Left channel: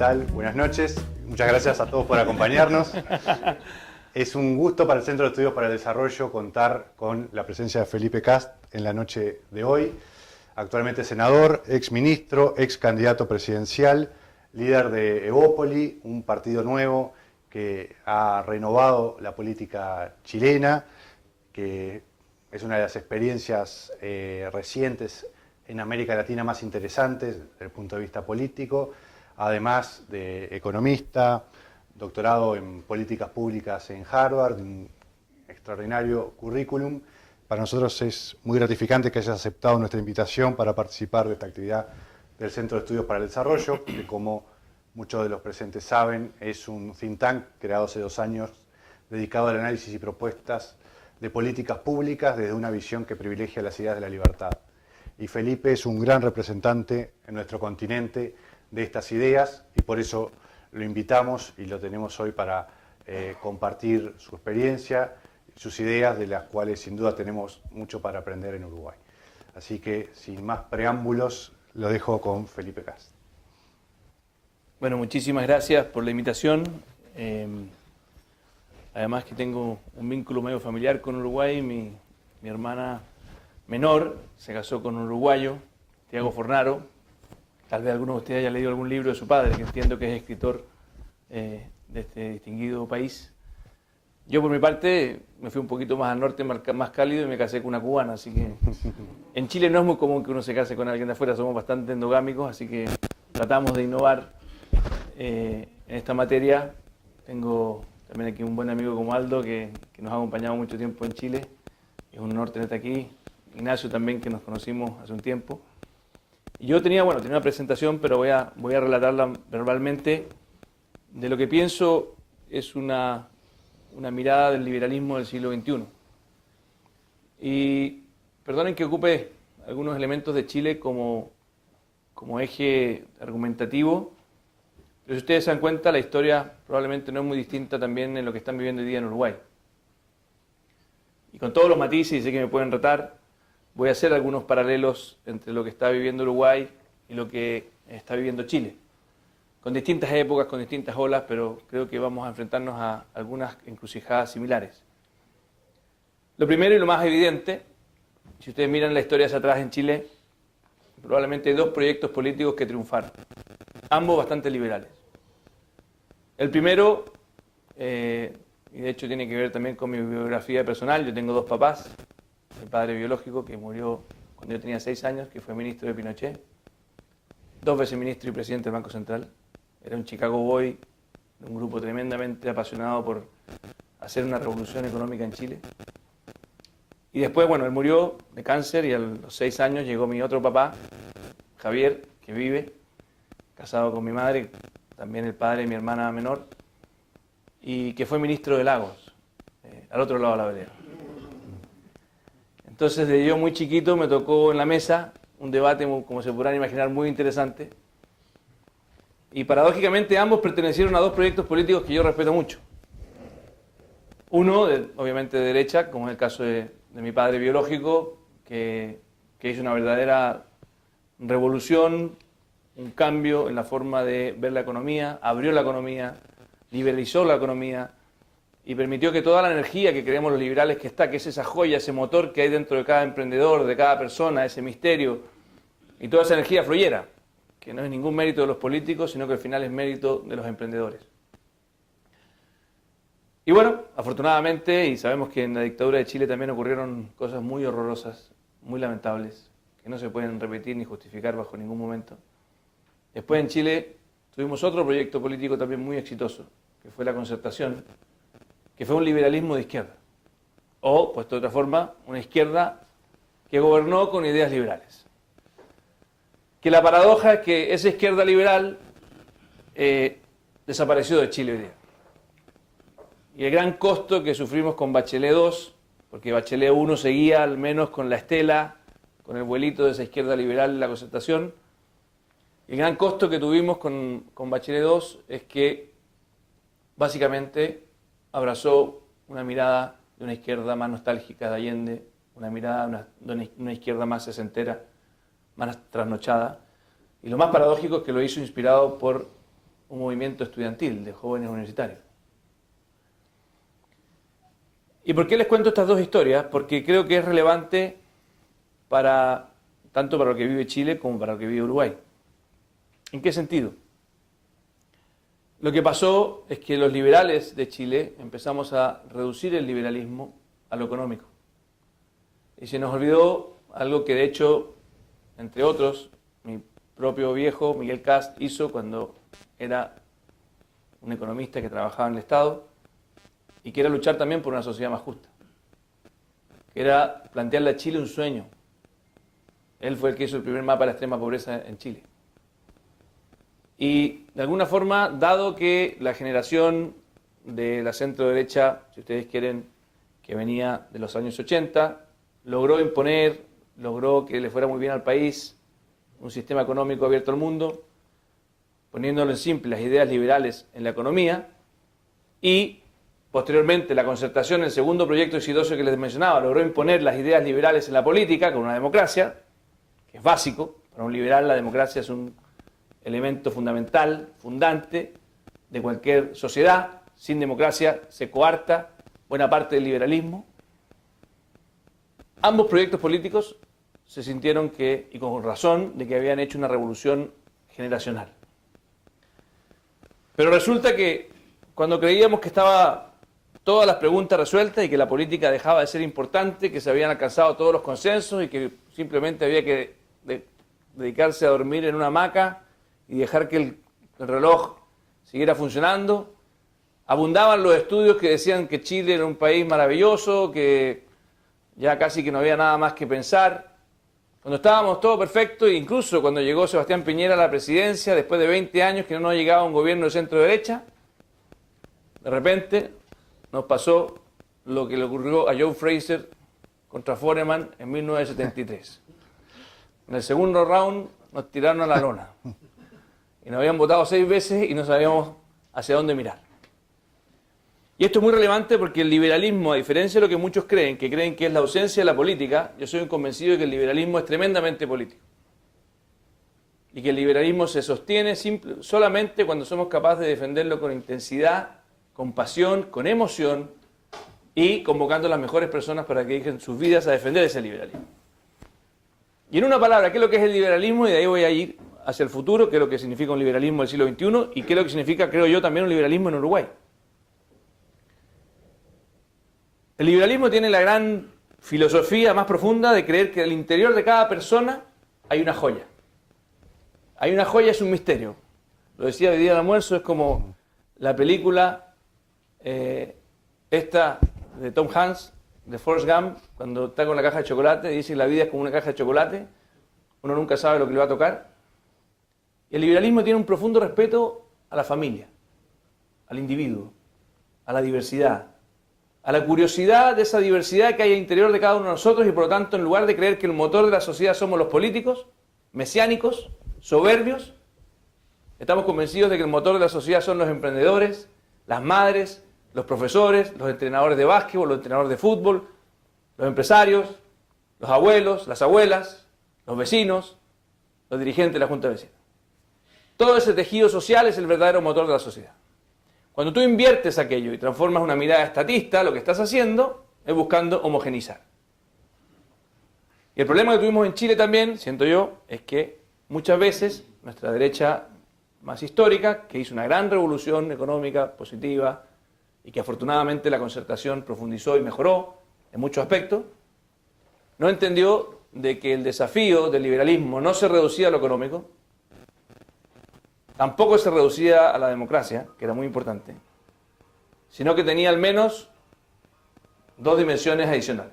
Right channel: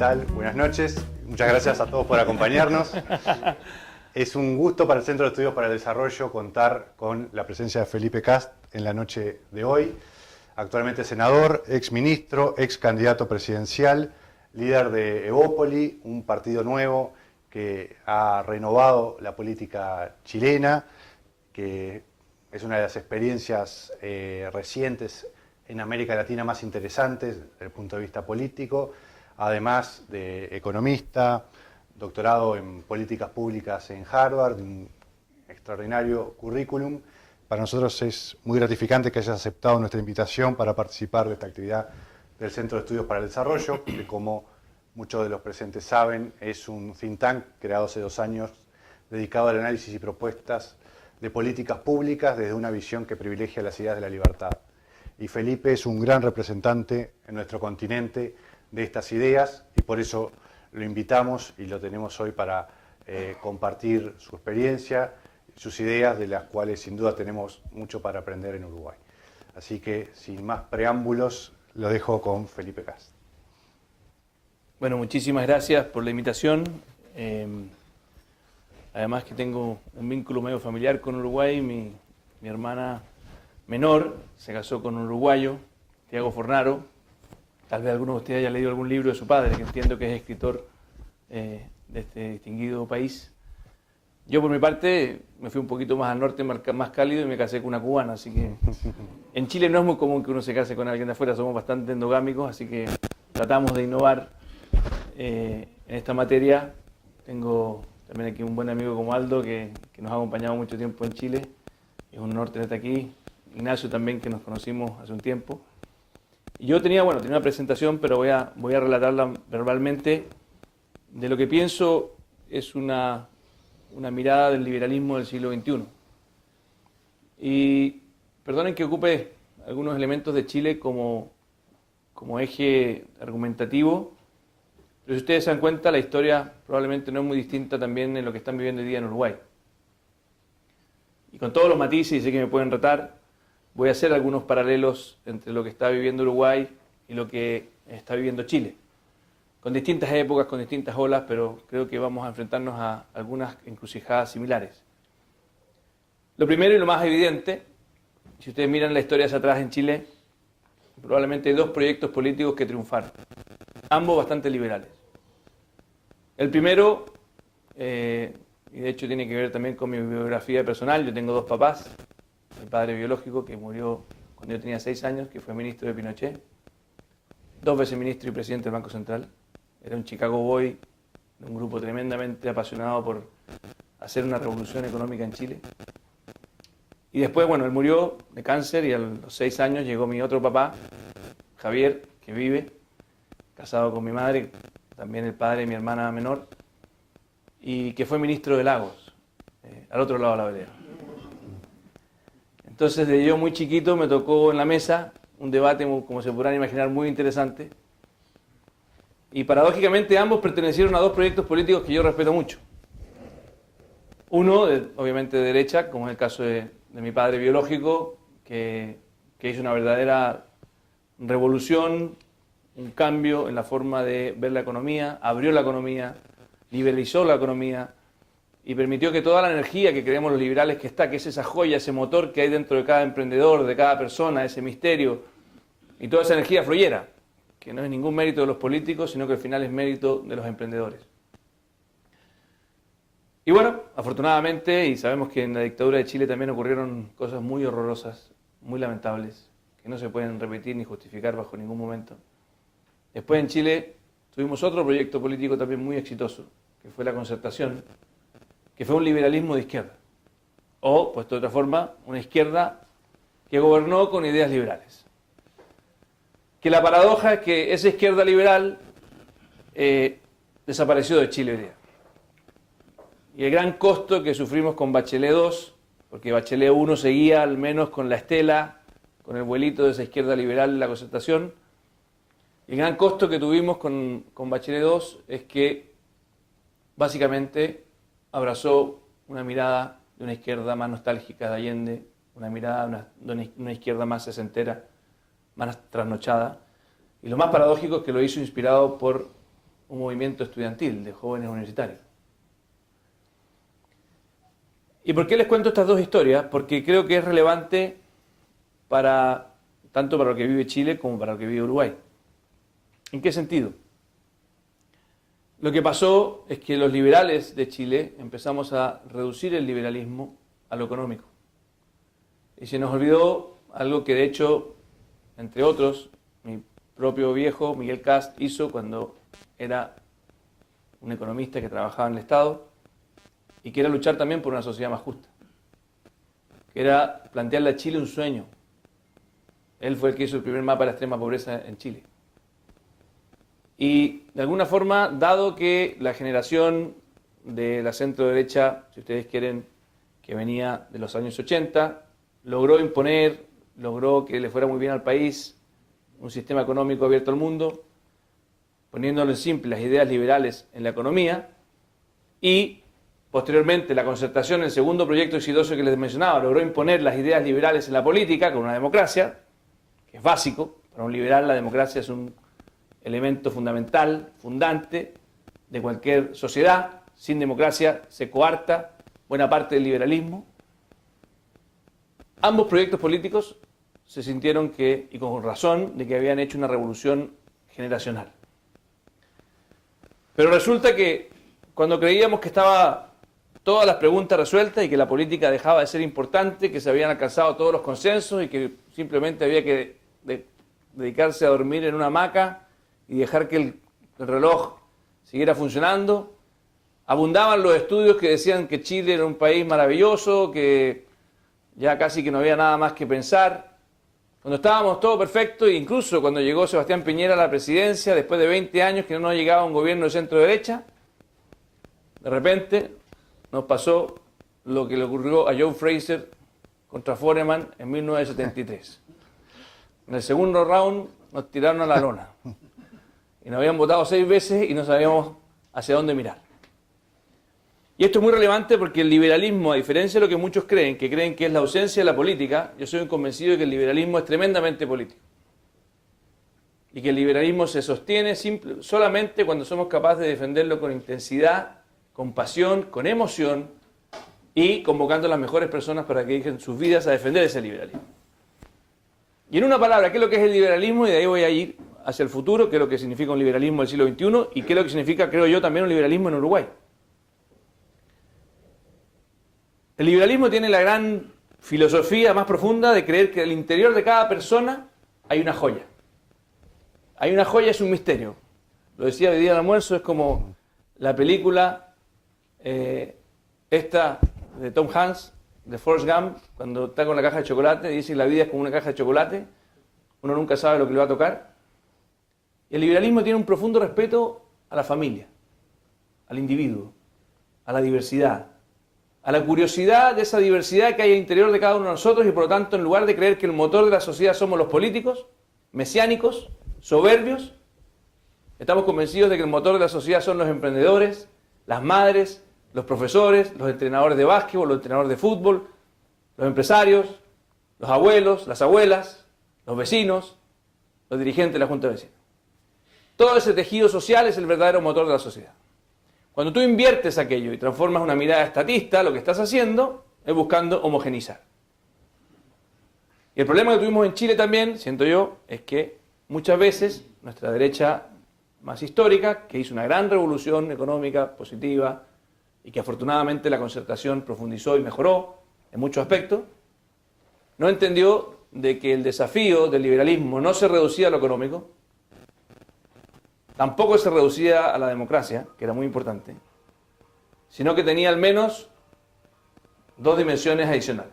tal? Buenas noches. Muchas gracias a todos por acompañarnos. Es un gusto para el Centro de Estudios para el Desarrollo contar con la presencia de Felipe Kast en la noche de hoy. Actualmente senador, ex ministro, ex candidato presidencial, líder de Evópoli, un partido nuevo que ha renovado la política chilena, que es una de las experiencias recientes en América Latina más interesantes desde el punto de vista político, además de economista, doctorado en políticas públicas en Harvard, un extraordinario currículum. Para nosotros es muy gratificante que hayas aceptado nuestra invitación para participar de esta actividad del Centro de Estudios para el Desarrollo, que como muchos de los presentes saben, es un think tank creado hace 2 años dedicado al análisis y propuestas de políticas públicas desde una visión que privilegia las ideas de la libertad. Y Felipe es un gran representante en nuestro continente de estas ideas y por eso lo invitamos y lo tenemos hoy para compartir su experiencia, sus ideas, de las cuales sin duda tenemos mucho para aprender en Uruguay. Así que, sin más preámbulos, lo dejo con Felipe Kast. Bueno, muchísimas gracias por la invitación. Además que tengo un vínculo medio familiar con Uruguay. Mi hermana menor se casó con un uruguayo, Tiago Fornaro. Tal vez alguno de ustedes haya leído algún libro de su padre, que entiendo que es escritor de este distinguido país. Yo, por mi parte, me fui un poquito más al norte, más cálido, y me casé con una cubana. Así que en Chile no es muy común que uno se case con alguien de afuera, somos bastante endogámicos, así que tratamos de innovar en esta materia. Tengo también aquí un buen amigo como Aldo, que nos ha acompañado mucho tiempo en Chile. Es un honor tenerte aquí. Ignacio también, que nos conocimos hace un tiempo. Y yo tenía una presentación, pero voy a relatarla verbalmente. De lo que pienso es una mirada del liberalismo del siglo XXI. Y perdonen que ocupe algunos elementos de Chile como eje argumentativo, pero si ustedes se dan cuenta, la historia probablemente no es muy distinta también en lo que están viviendo hoy día en Uruguay. Y con todos los matices, y sé que me pueden retar, voy a hacer algunos paralelos entre lo que está viviendo Uruguay y lo que está viviendo Chile. Con distintas épocas, con distintas olas, pero creo que vamos a enfrentarnos a algunas encrucijadas similares. Lo primero y lo más evidente, si ustedes miran la historia hacia atrás en Chile, probablemente hay 2 proyectos políticos que triunfaron, ambos bastante liberales. El primero, y de hecho tiene que ver también con mi biografía personal, yo tengo 2 papás. Mi padre biológico, que murió cuando yo tenía 6 años, que fue ministro de Pinochet, 2 veces ministro y presidente del Banco Central. Era un Chicago Boy, de un grupo tremendamente apasionado por hacer una revolución económica en Chile. Y después, él murió de cáncer y a los 6 años llegó mi otro papá, Javier, que vive, casado con mi madre, también el padre de mi hermana menor, y que fue ministro de Lagos, al otro lado de la vereda. Entonces, desde yo muy chiquito me tocó en la mesa un debate, como se podrán imaginar, muy interesante. Y paradójicamente ambos pertenecieron a 2 proyectos políticos que yo respeto mucho. Uno, obviamente de derecha, como es el caso de mi padre biológico, que hizo una verdadera revolución, un cambio en la forma de ver la economía, abrió la economía, liberalizó la economía, y permitió que toda la energía que creemos los liberales que es esa joya, ese motor que hay dentro de cada emprendedor, de cada persona, ese misterio, y toda esa energía fluyera, que no es ningún mérito de los políticos, sino que al final es mérito de los emprendedores. Y afortunadamente, y sabemos que en la dictadura de Chile también ocurrieron cosas muy horrorosas, muy lamentables, que no se pueden repetir ni justificar bajo ningún momento. Después en Chile tuvimos otro proyecto político también muy exitoso, que fue la Concertación, que fue un liberalismo de izquierda, o, puesto de otra forma, una izquierda que gobernó con ideas liberales. Que la paradoja es que esa izquierda liberal desapareció de Chile hoy día. Y el gran costo que sufrimos con Bachelet II, porque Bachelet I seguía al menos con la estela, con el vuelito de esa izquierda liberal en la Concertación, el gran costo que tuvimos con Bachelet II es que básicamente abrazó una mirada de una izquierda más nostálgica de Allende, una mirada de una izquierda más sesentera, más trasnochada. Y lo más paradójico es que lo hizo inspirado por un movimiento estudiantil de jóvenes universitarios. ¿Y por qué les cuento estas dos historias? Porque creo que es relevante tanto para lo que vive Chile como para lo que vive Uruguay. ¿En qué sentido? Lo que pasó es que los liberales de Chile empezamos a reducir el liberalismo a lo económico. Y se nos olvidó algo que de hecho, entre otros, mi propio viejo Miguel Kast hizo cuando era un economista que trabajaba en el Estado y que era luchar también por una sociedad más justa. Que era plantearle a Chile un sueño. Él fue el que hizo el primer mapa de la extrema pobreza en Chile. Y de alguna forma, dado que la generación de la centro derecha, si ustedes quieren, que venía de los años 80, logró imponer, logró que le fuera muy bien al país, un sistema económico abierto al mundo, poniéndolo en simple, las ideas liberales en la economía, y posteriormente la concertación, el segundo proyecto exitoso que les mencionaba, logró imponer las ideas liberales en la política con una democracia, que es básico. Para un liberal la democracia es un elemento fundamental, fundante de cualquier sociedad. Sin democracia se coarta buena parte del liberalismo. Ambos proyectos políticos se sintieron y con razón, de que habían hecho una revolución generacional. Pero resulta que cuando creíamos que estaba todas las preguntas resueltas y que la política dejaba de ser importante, que se habían alcanzado todos los consensos y que simplemente había que dedicarse a dormir en una hamaca y dejar que el reloj siguiera funcionando, abundaban los estudios que decían que Chile era un país maravilloso, que ya casi que no había nada más que pensar. Cuando estábamos todo perfecto, e incluso cuando llegó Sebastián Piñera a la presidencia, después de 20 años que no nos llegaba un gobierno de centro-derecha, de repente nos pasó lo que le ocurrió a Joe Fraser contra Foreman en 1973. En el segundo round nos tiraron a la lona. Y nos habían votado 6 veces y no sabíamos hacia dónde mirar. Y esto es muy relevante porque el liberalismo, a diferencia de lo que muchos creen que es la ausencia de la política, yo soy un convencido de que el liberalismo es tremendamente político. Y que el liberalismo se sostiene solamente cuando somos capaces de defenderlo con intensidad, con pasión, con emoción y convocando a las mejores personas para que dediquen sus vidas a defender ese liberalismo. Y en una palabra, ¿qué es lo que es el liberalismo? Y de ahí voy a ir hacia el futuro, qué es lo que significa un liberalismo del siglo XXI y qué es lo que significa, creo yo, también un liberalismo en Uruguay. El liberalismo tiene la gran filosofía más profunda de creer que en el interior de cada persona hay una joya. Hay una joya, es un misterio. Lo decía de día del almuerzo, es como la película esta de Tom Hanks, de Forrest Gump, cuando está con la caja de chocolate, dice que la vida es como una caja de chocolate, uno nunca sabe lo que le va a tocar. Y el liberalismo tiene un profundo respeto a la familia, al individuo, a la diversidad, a la curiosidad de esa diversidad que hay al interior de cada uno de nosotros y por lo tanto, en lugar de creer que el motor de la sociedad somos los políticos, mesiánicos, soberbios, estamos convencidos de que el motor de la sociedad son los emprendedores, las madres, los profesores, los entrenadores de básquetbol, los entrenadores de fútbol, los empresarios, los abuelos, las abuelas, los vecinos, los dirigentes de la Junta de Vecinos. Todo ese tejido social es el verdadero motor de la sociedad. Cuando tú inviertes aquello y transformas una mirada estatista, lo que estás haciendo es buscando homogeneizar. Y el problema que tuvimos en Chile también, siento yo, es que muchas veces nuestra derecha más histórica, que hizo una gran revolución económica positiva y que afortunadamente la concertación profundizó y mejoró en muchos aspectos, no entendió de que el desafío del liberalismo no se reducía a lo económico, tampoco se reducía a la democracia, que era muy importante, sino que tenía al menos 2 dimensiones adicionales.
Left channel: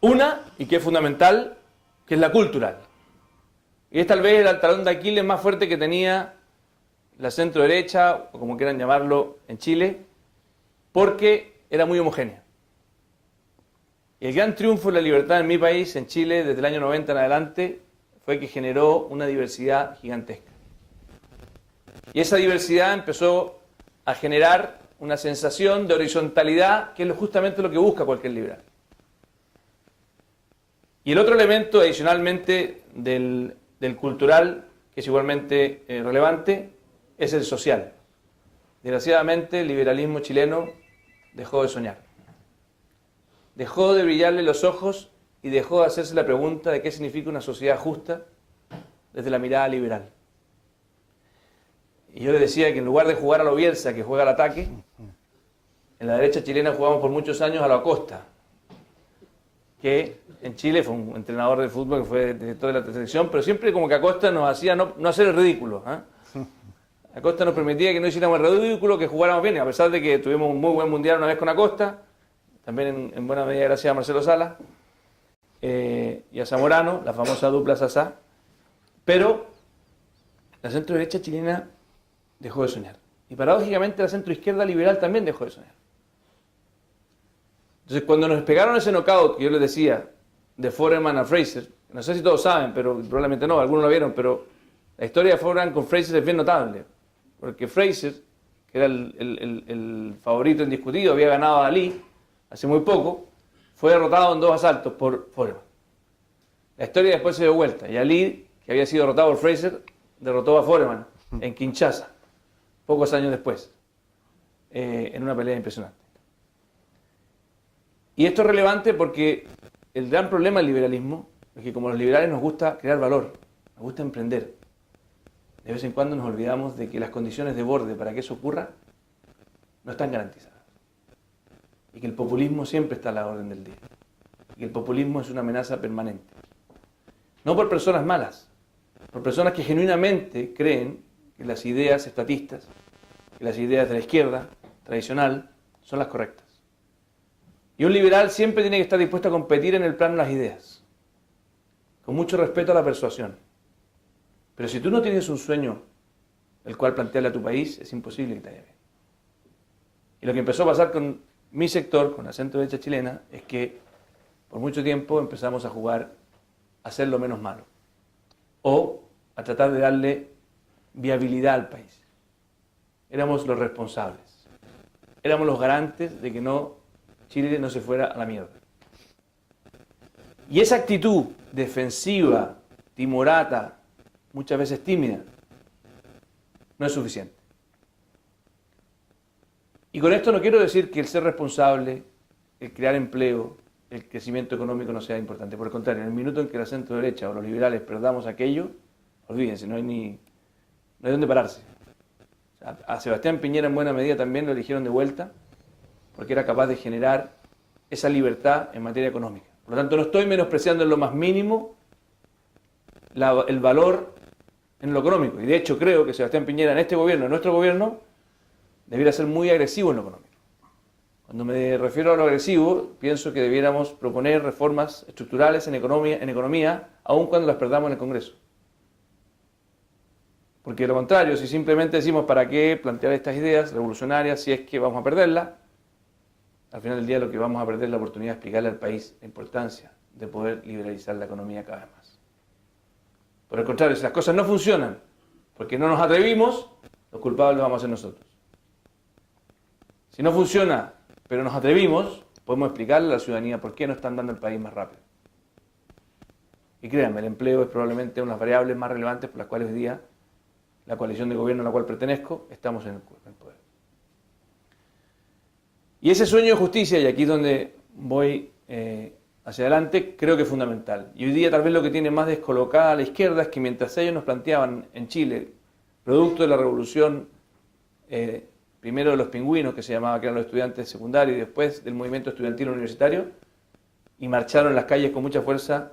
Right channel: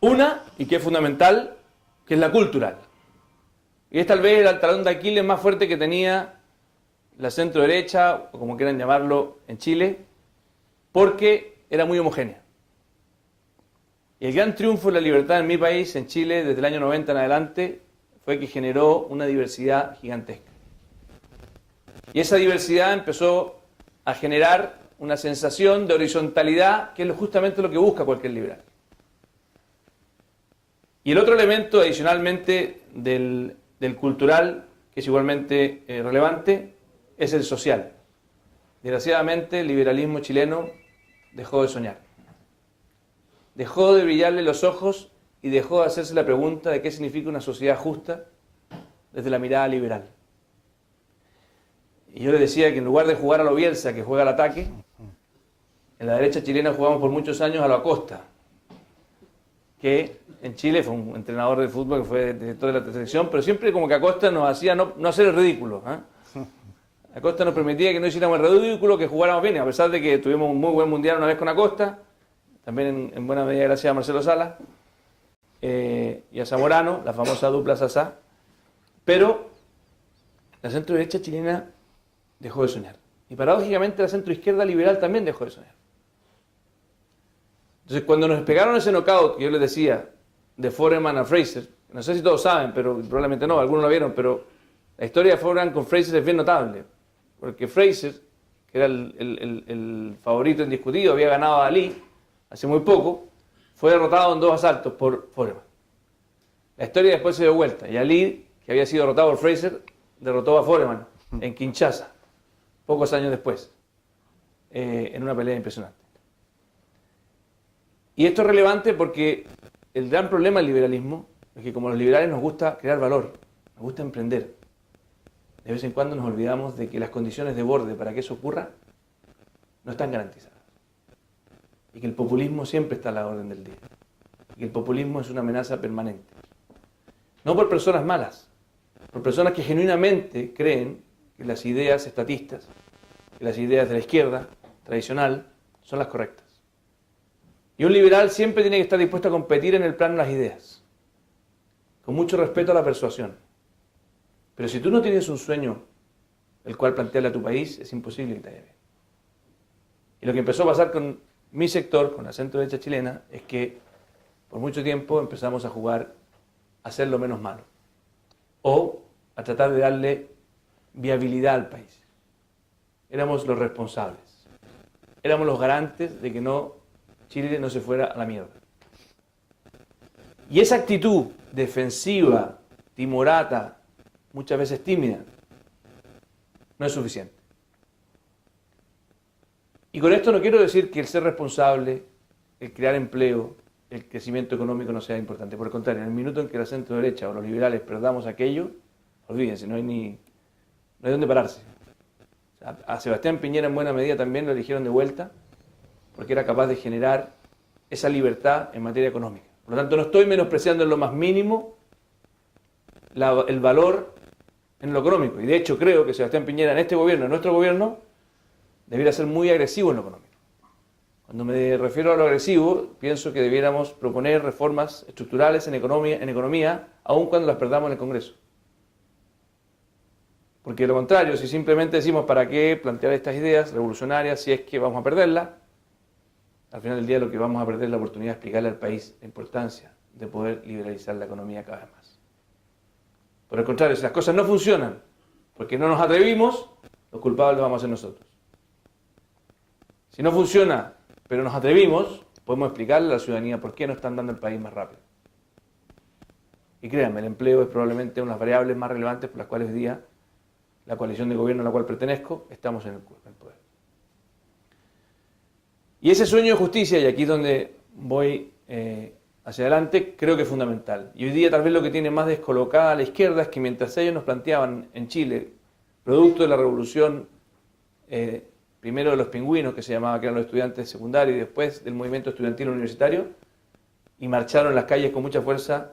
Una, y que es fundamental, que es la cultural. Y es tal vez el talón de Aquiles más fuerte que tenía la centro derecha, o como quieran llamarlo, en Chile, porque era muy homogénea. Y el gran triunfo de la libertad en mi país, en Chile, desde el año 90 en adelante, fue que generó una diversidad gigantesca. Y esa diversidad empezó a generar una sensación de horizontalidad, que es justamente lo que busca cualquier liberal. Y el otro elemento, adicionalmente, del cultural, que es igualmente relevante, es el social. Desgraciadamente, el liberalismo chileno dejó de soñar. Dejó de brillarle los ojos y dejó de hacerse la pregunta de qué significa una sociedad justa desde la mirada liberal. Y yo le decía que en lugar de jugar a lo Bielsa, que juega al ataque, en la derecha chilena jugamos por muchos años a lo Acosta, que en Chile fue un entrenador de fútbol que fue director de la selección, pero siempre como que Acosta nos hacía no hacer el ridículo. Acosta nos permitía que no hiciéramos el ridículo, que jugáramos bien, a pesar de que tuvimos un muy buen mundial una vez con Acosta, también en buena medida gracias a Marcelo Sala y a Zamorano, la famosa dupla Sasá. Pero la centro derecha chilena dejó de soñar. Y paradójicamente la centro izquierda liberal también dejó de soñar. Entonces cuando nos pegaron ese knockout que yo les decía de Foreman a Fraser, no sé si todos saben, pero probablemente no, algunos lo vieron, pero la historia de Foreman con Fraser es bien notable. Porque Fraser, que era el favorito indiscutido, había ganado a Ali hace muy poco, fue derrotado en 2 asaltos por Foreman. La historia después se dio vuelta y Ali, que había sido derrotado por Fraser, derrotó a Foreman en Kinshasa, pocos años después, en una pelea impresionante. Y esto es relevante porque el gran problema del liberalismo es que como los liberales nos gusta crear valor, nos gusta emprender, de vez en cuando nos olvidamos de que las condiciones de borde para que eso ocurra no están garantizadas. Y que el populismo siempre está a la orden del día. Y que el populismo es una amenaza permanente. No por personas malas, por personas que genuinamente creen que las ideas estatistas, que las ideas de la izquierda tradicional son las correctas. Y un liberal siempre tiene que estar dispuesto a competir en el plano de las ideas, con mucho respeto a la persuasión. Pero si tú no tienes un sueño el cual plantearle a tu país, es imposible que te lleve. Y lo que empezó a pasar con mi sector, con la centro derecha chilena, es que por mucho tiempo empezamos a jugar a ser lo menos malo o a tratar de darle viabilidad al país. Éramos los responsables, éramos los garantes de que Chile no se fuera a la mierda. Y esa actitud defensiva, timorata, muchas veces tímida, no es suficiente. Y con esto no quiero decir que el ser responsable, el crear empleo, el crecimiento económico no sea importante. Por el contrario, en el minuto en que la centro derecha o los liberales perdamos aquello, olvídense, no hay dónde pararse. O sea, a Sebastián Piñera en buena medida también lo eligieron de vuelta porque era capaz de generar esa libertad en materia económica. Por lo tanto, no estoy menospreciando en lo más mínimo el valor en lo económico. Y de hecho creo que Sebastián Piñera en este gobierno, en nuestro gobierno, debiera ser muy agresivo en lo económico. Cuando me refiero a lo agresivo, pienso que debiéramos proponer reformas estructurales en economía, aun cuando las perdamos en el Congreso. Porque de lo contrario, si simplemente decimos para qué plantear estas ideas revolucionarias si es que vamos a perderlas, al final del día lo que vamos a perder es la oportunidad de explicarle al país la importancia de poder liberalizar la economía cada vez más. Por el contrario, si las cosas no funcionan porque no nos atrevimos, los culpables vamos a ser nosotros. Si no funciona, pero nos atrevimos, podemos explicarle a la ciudadanía por qué no están dando el país más rápido. Y créanme, el empleo es probablemente una de las variables más relevantes por las cuales hoy día la coalición de gobierno a la cual pertenezco estamos en el poder. Y ese sueño de justicia, y aquí es donde voy hacia adelante, creo que es fundamental. Y hoy día tal vez lo que tiene más descolocada a la izquierda es que mientras ellos nos planteaban en Chile, producto de la revolución, primero de los pingüinos, que se llamaba, que eran los estudiantes secundarios, y después del movimiento estudiantil universitario, y marcharon en las calles con mucha fuerza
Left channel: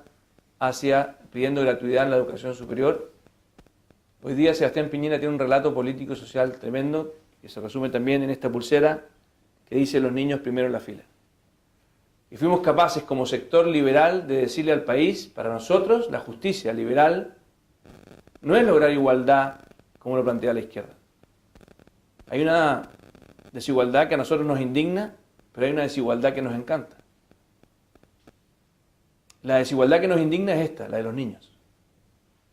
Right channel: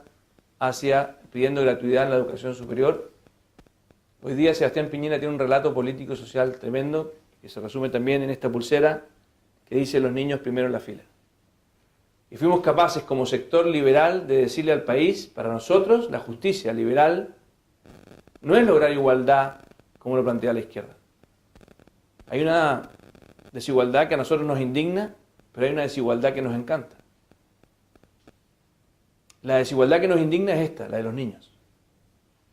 pidiendo gratuidad en la educación superior. Hoy día Sebastián Piñera tiene un relato político social tremendo, que se resume también en esta pulsera, que dice los niños primero en la fila. Y fuimos capaces como sector liberal de decirle al país, para nosotros la justicia liberal no es lograr igualdad como lo plantea la izquierda. Hay una desigualdad que a nosotros nos indigna, pero hay una desigualdad que nos encanta. La desigualdad que nos indigna es esta, la de los niños.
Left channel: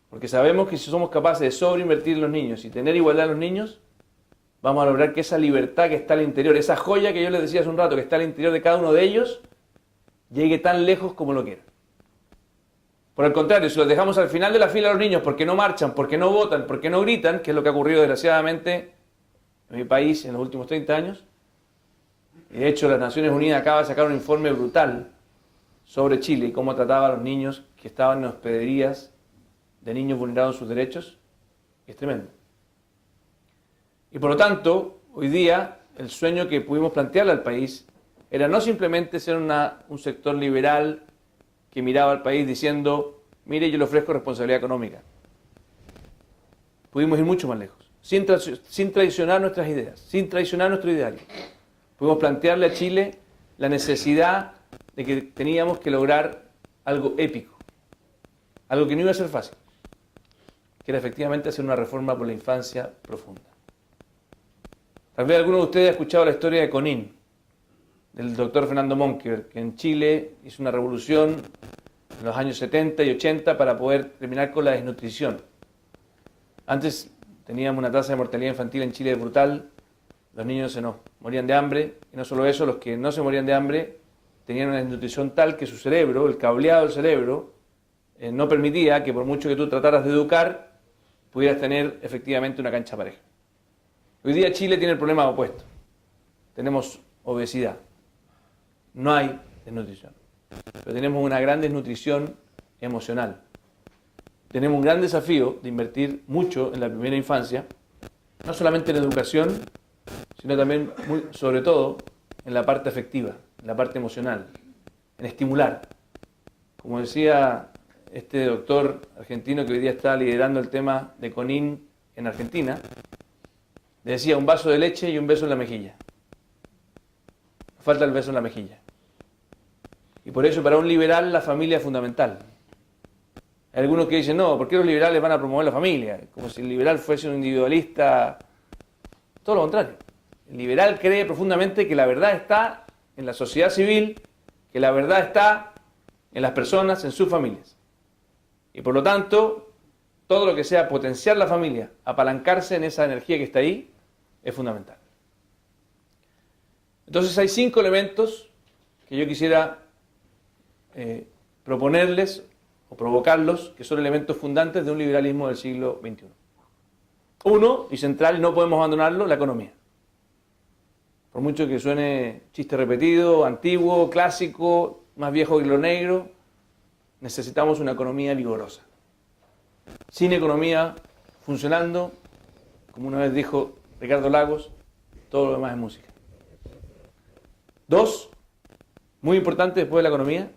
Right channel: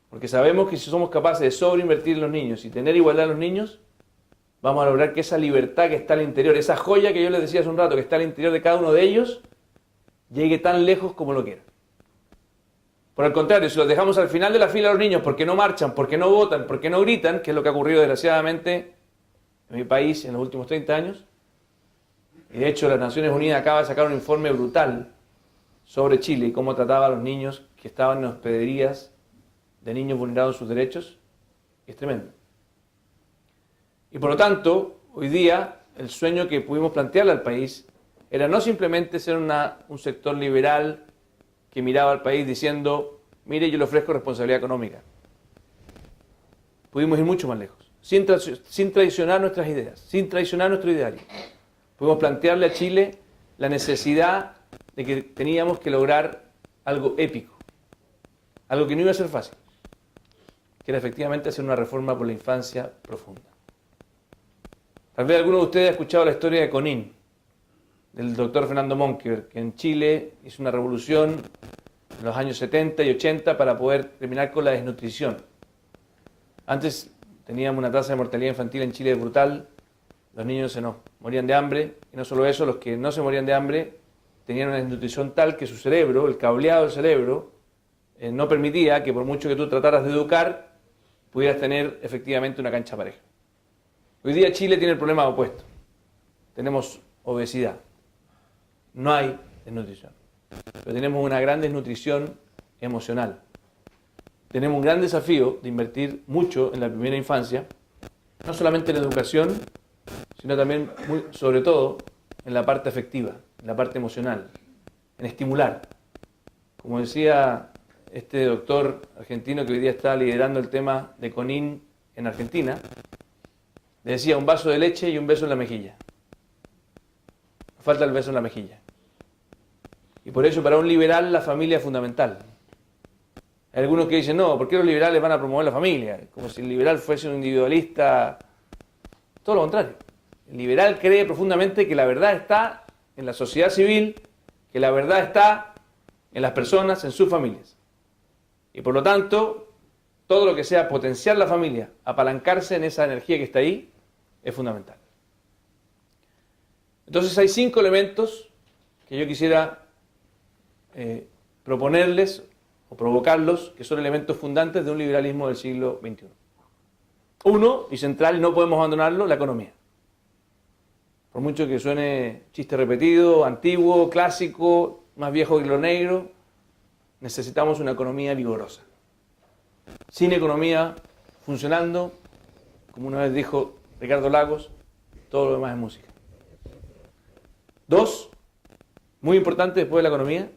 Porque sabemos que si somos capaces de sobreinvertir en los niños y tener igualdad en los niños, vamos a lograr que esa libertad que está al interior, esa joya que yo les decía hace un rato, que está al interior de cada uno de ellos, llegue tan lejos como lo quieran. Por el contrario, si los dejamos al final de la fila a los niños porque no marchan, porque no votan, porque no gritan, que es lo que ha ocurrido desgraciadamente en mi país en los últimos 30 años, y de hecho las Naciones Unidas acaba de sacar un informe brutal sobre Chile y cómo trataba a los niños que estaban en hospederías de niños vulnerados sus derechos, es tremendo. Y por lo tanto, hoy día, el sueño que pudimos plantearle al país era no simplemente ser un sector liberal que miraba al país diciendo, mire, yo le ofrezco responsabilidad económica. Pudimos ir mucho más lejos, sin traicionar nuestras ideas, sin traicionar nuestro ideario. Pudimos plantearle a Chile la necesidad de que teníamos que lograr algo épico, algo que no iba a ser fácil, que era efectivamente hacer una reforma por la infancia profunda. Tal vez alguno de ustedes ha escuchado la historia de Conin, del doctor Fernando Monkeberg, que en Chile hizo una revolución en los años 70 y 80 para poder terminar con la desnutrición. Antes teníamos una tasa de mortalidad infantil en Chile brutal, los niños se nos morían de hambre, y no solo eso, los que no se morían de hambre tenían una desnutrición tal que su cerebro, el cableado del cerebro, no permitía que por mucho que tú trataras de educar, pudieras tener efectivamente una cancha pareja. Hoy día Chile tiene el problema opuesto. Tenemos obesidad. No hay desnutrición. Pero tenemos una gran desnutrición emocional. Tenemos un gran desafío de invertir mucho en la primera infancia, no solamente en educación, sino también, sobre todo, en la parte afectiva, en la parte emocional, en estimular. Como decía este doctor argentino que hoy día está liderando el tema de Conin en Argentina, le decía un vaso de leche y un beso en la mejilla. Falta el beso en la mejilla. Y por eso para un liberal la familia es fundamental. Hay algunos que dicen, no, ¿por qué los liberales van a promover la familia? Como si el liberal fuese un individualista. Todo lo contrario. El liberal cree profundamente que la verdad está en la sociedad civil, que la verdad está en las personas, en sus familias. Y por lo tanto, todo lo que sea potenciar la familia, apalancarse en esa energía que está ahí, es fundamental. Entonces hay 5 elementos que yo quisiera proponerles o provocarlos, que son elementos fundantes de un liberalismo del siglo XXI. Uno, y central, no podemos abandonarlo, la economía. Por mucho que suene chiste repetido, antiguo, clásico, más viejo que lo negro, necesitamos una economía vigorosa. Sin economía funcionando, como una vez dijo Ricardo Lagos, todo lo demás es música. 2, muy importante después de la economía,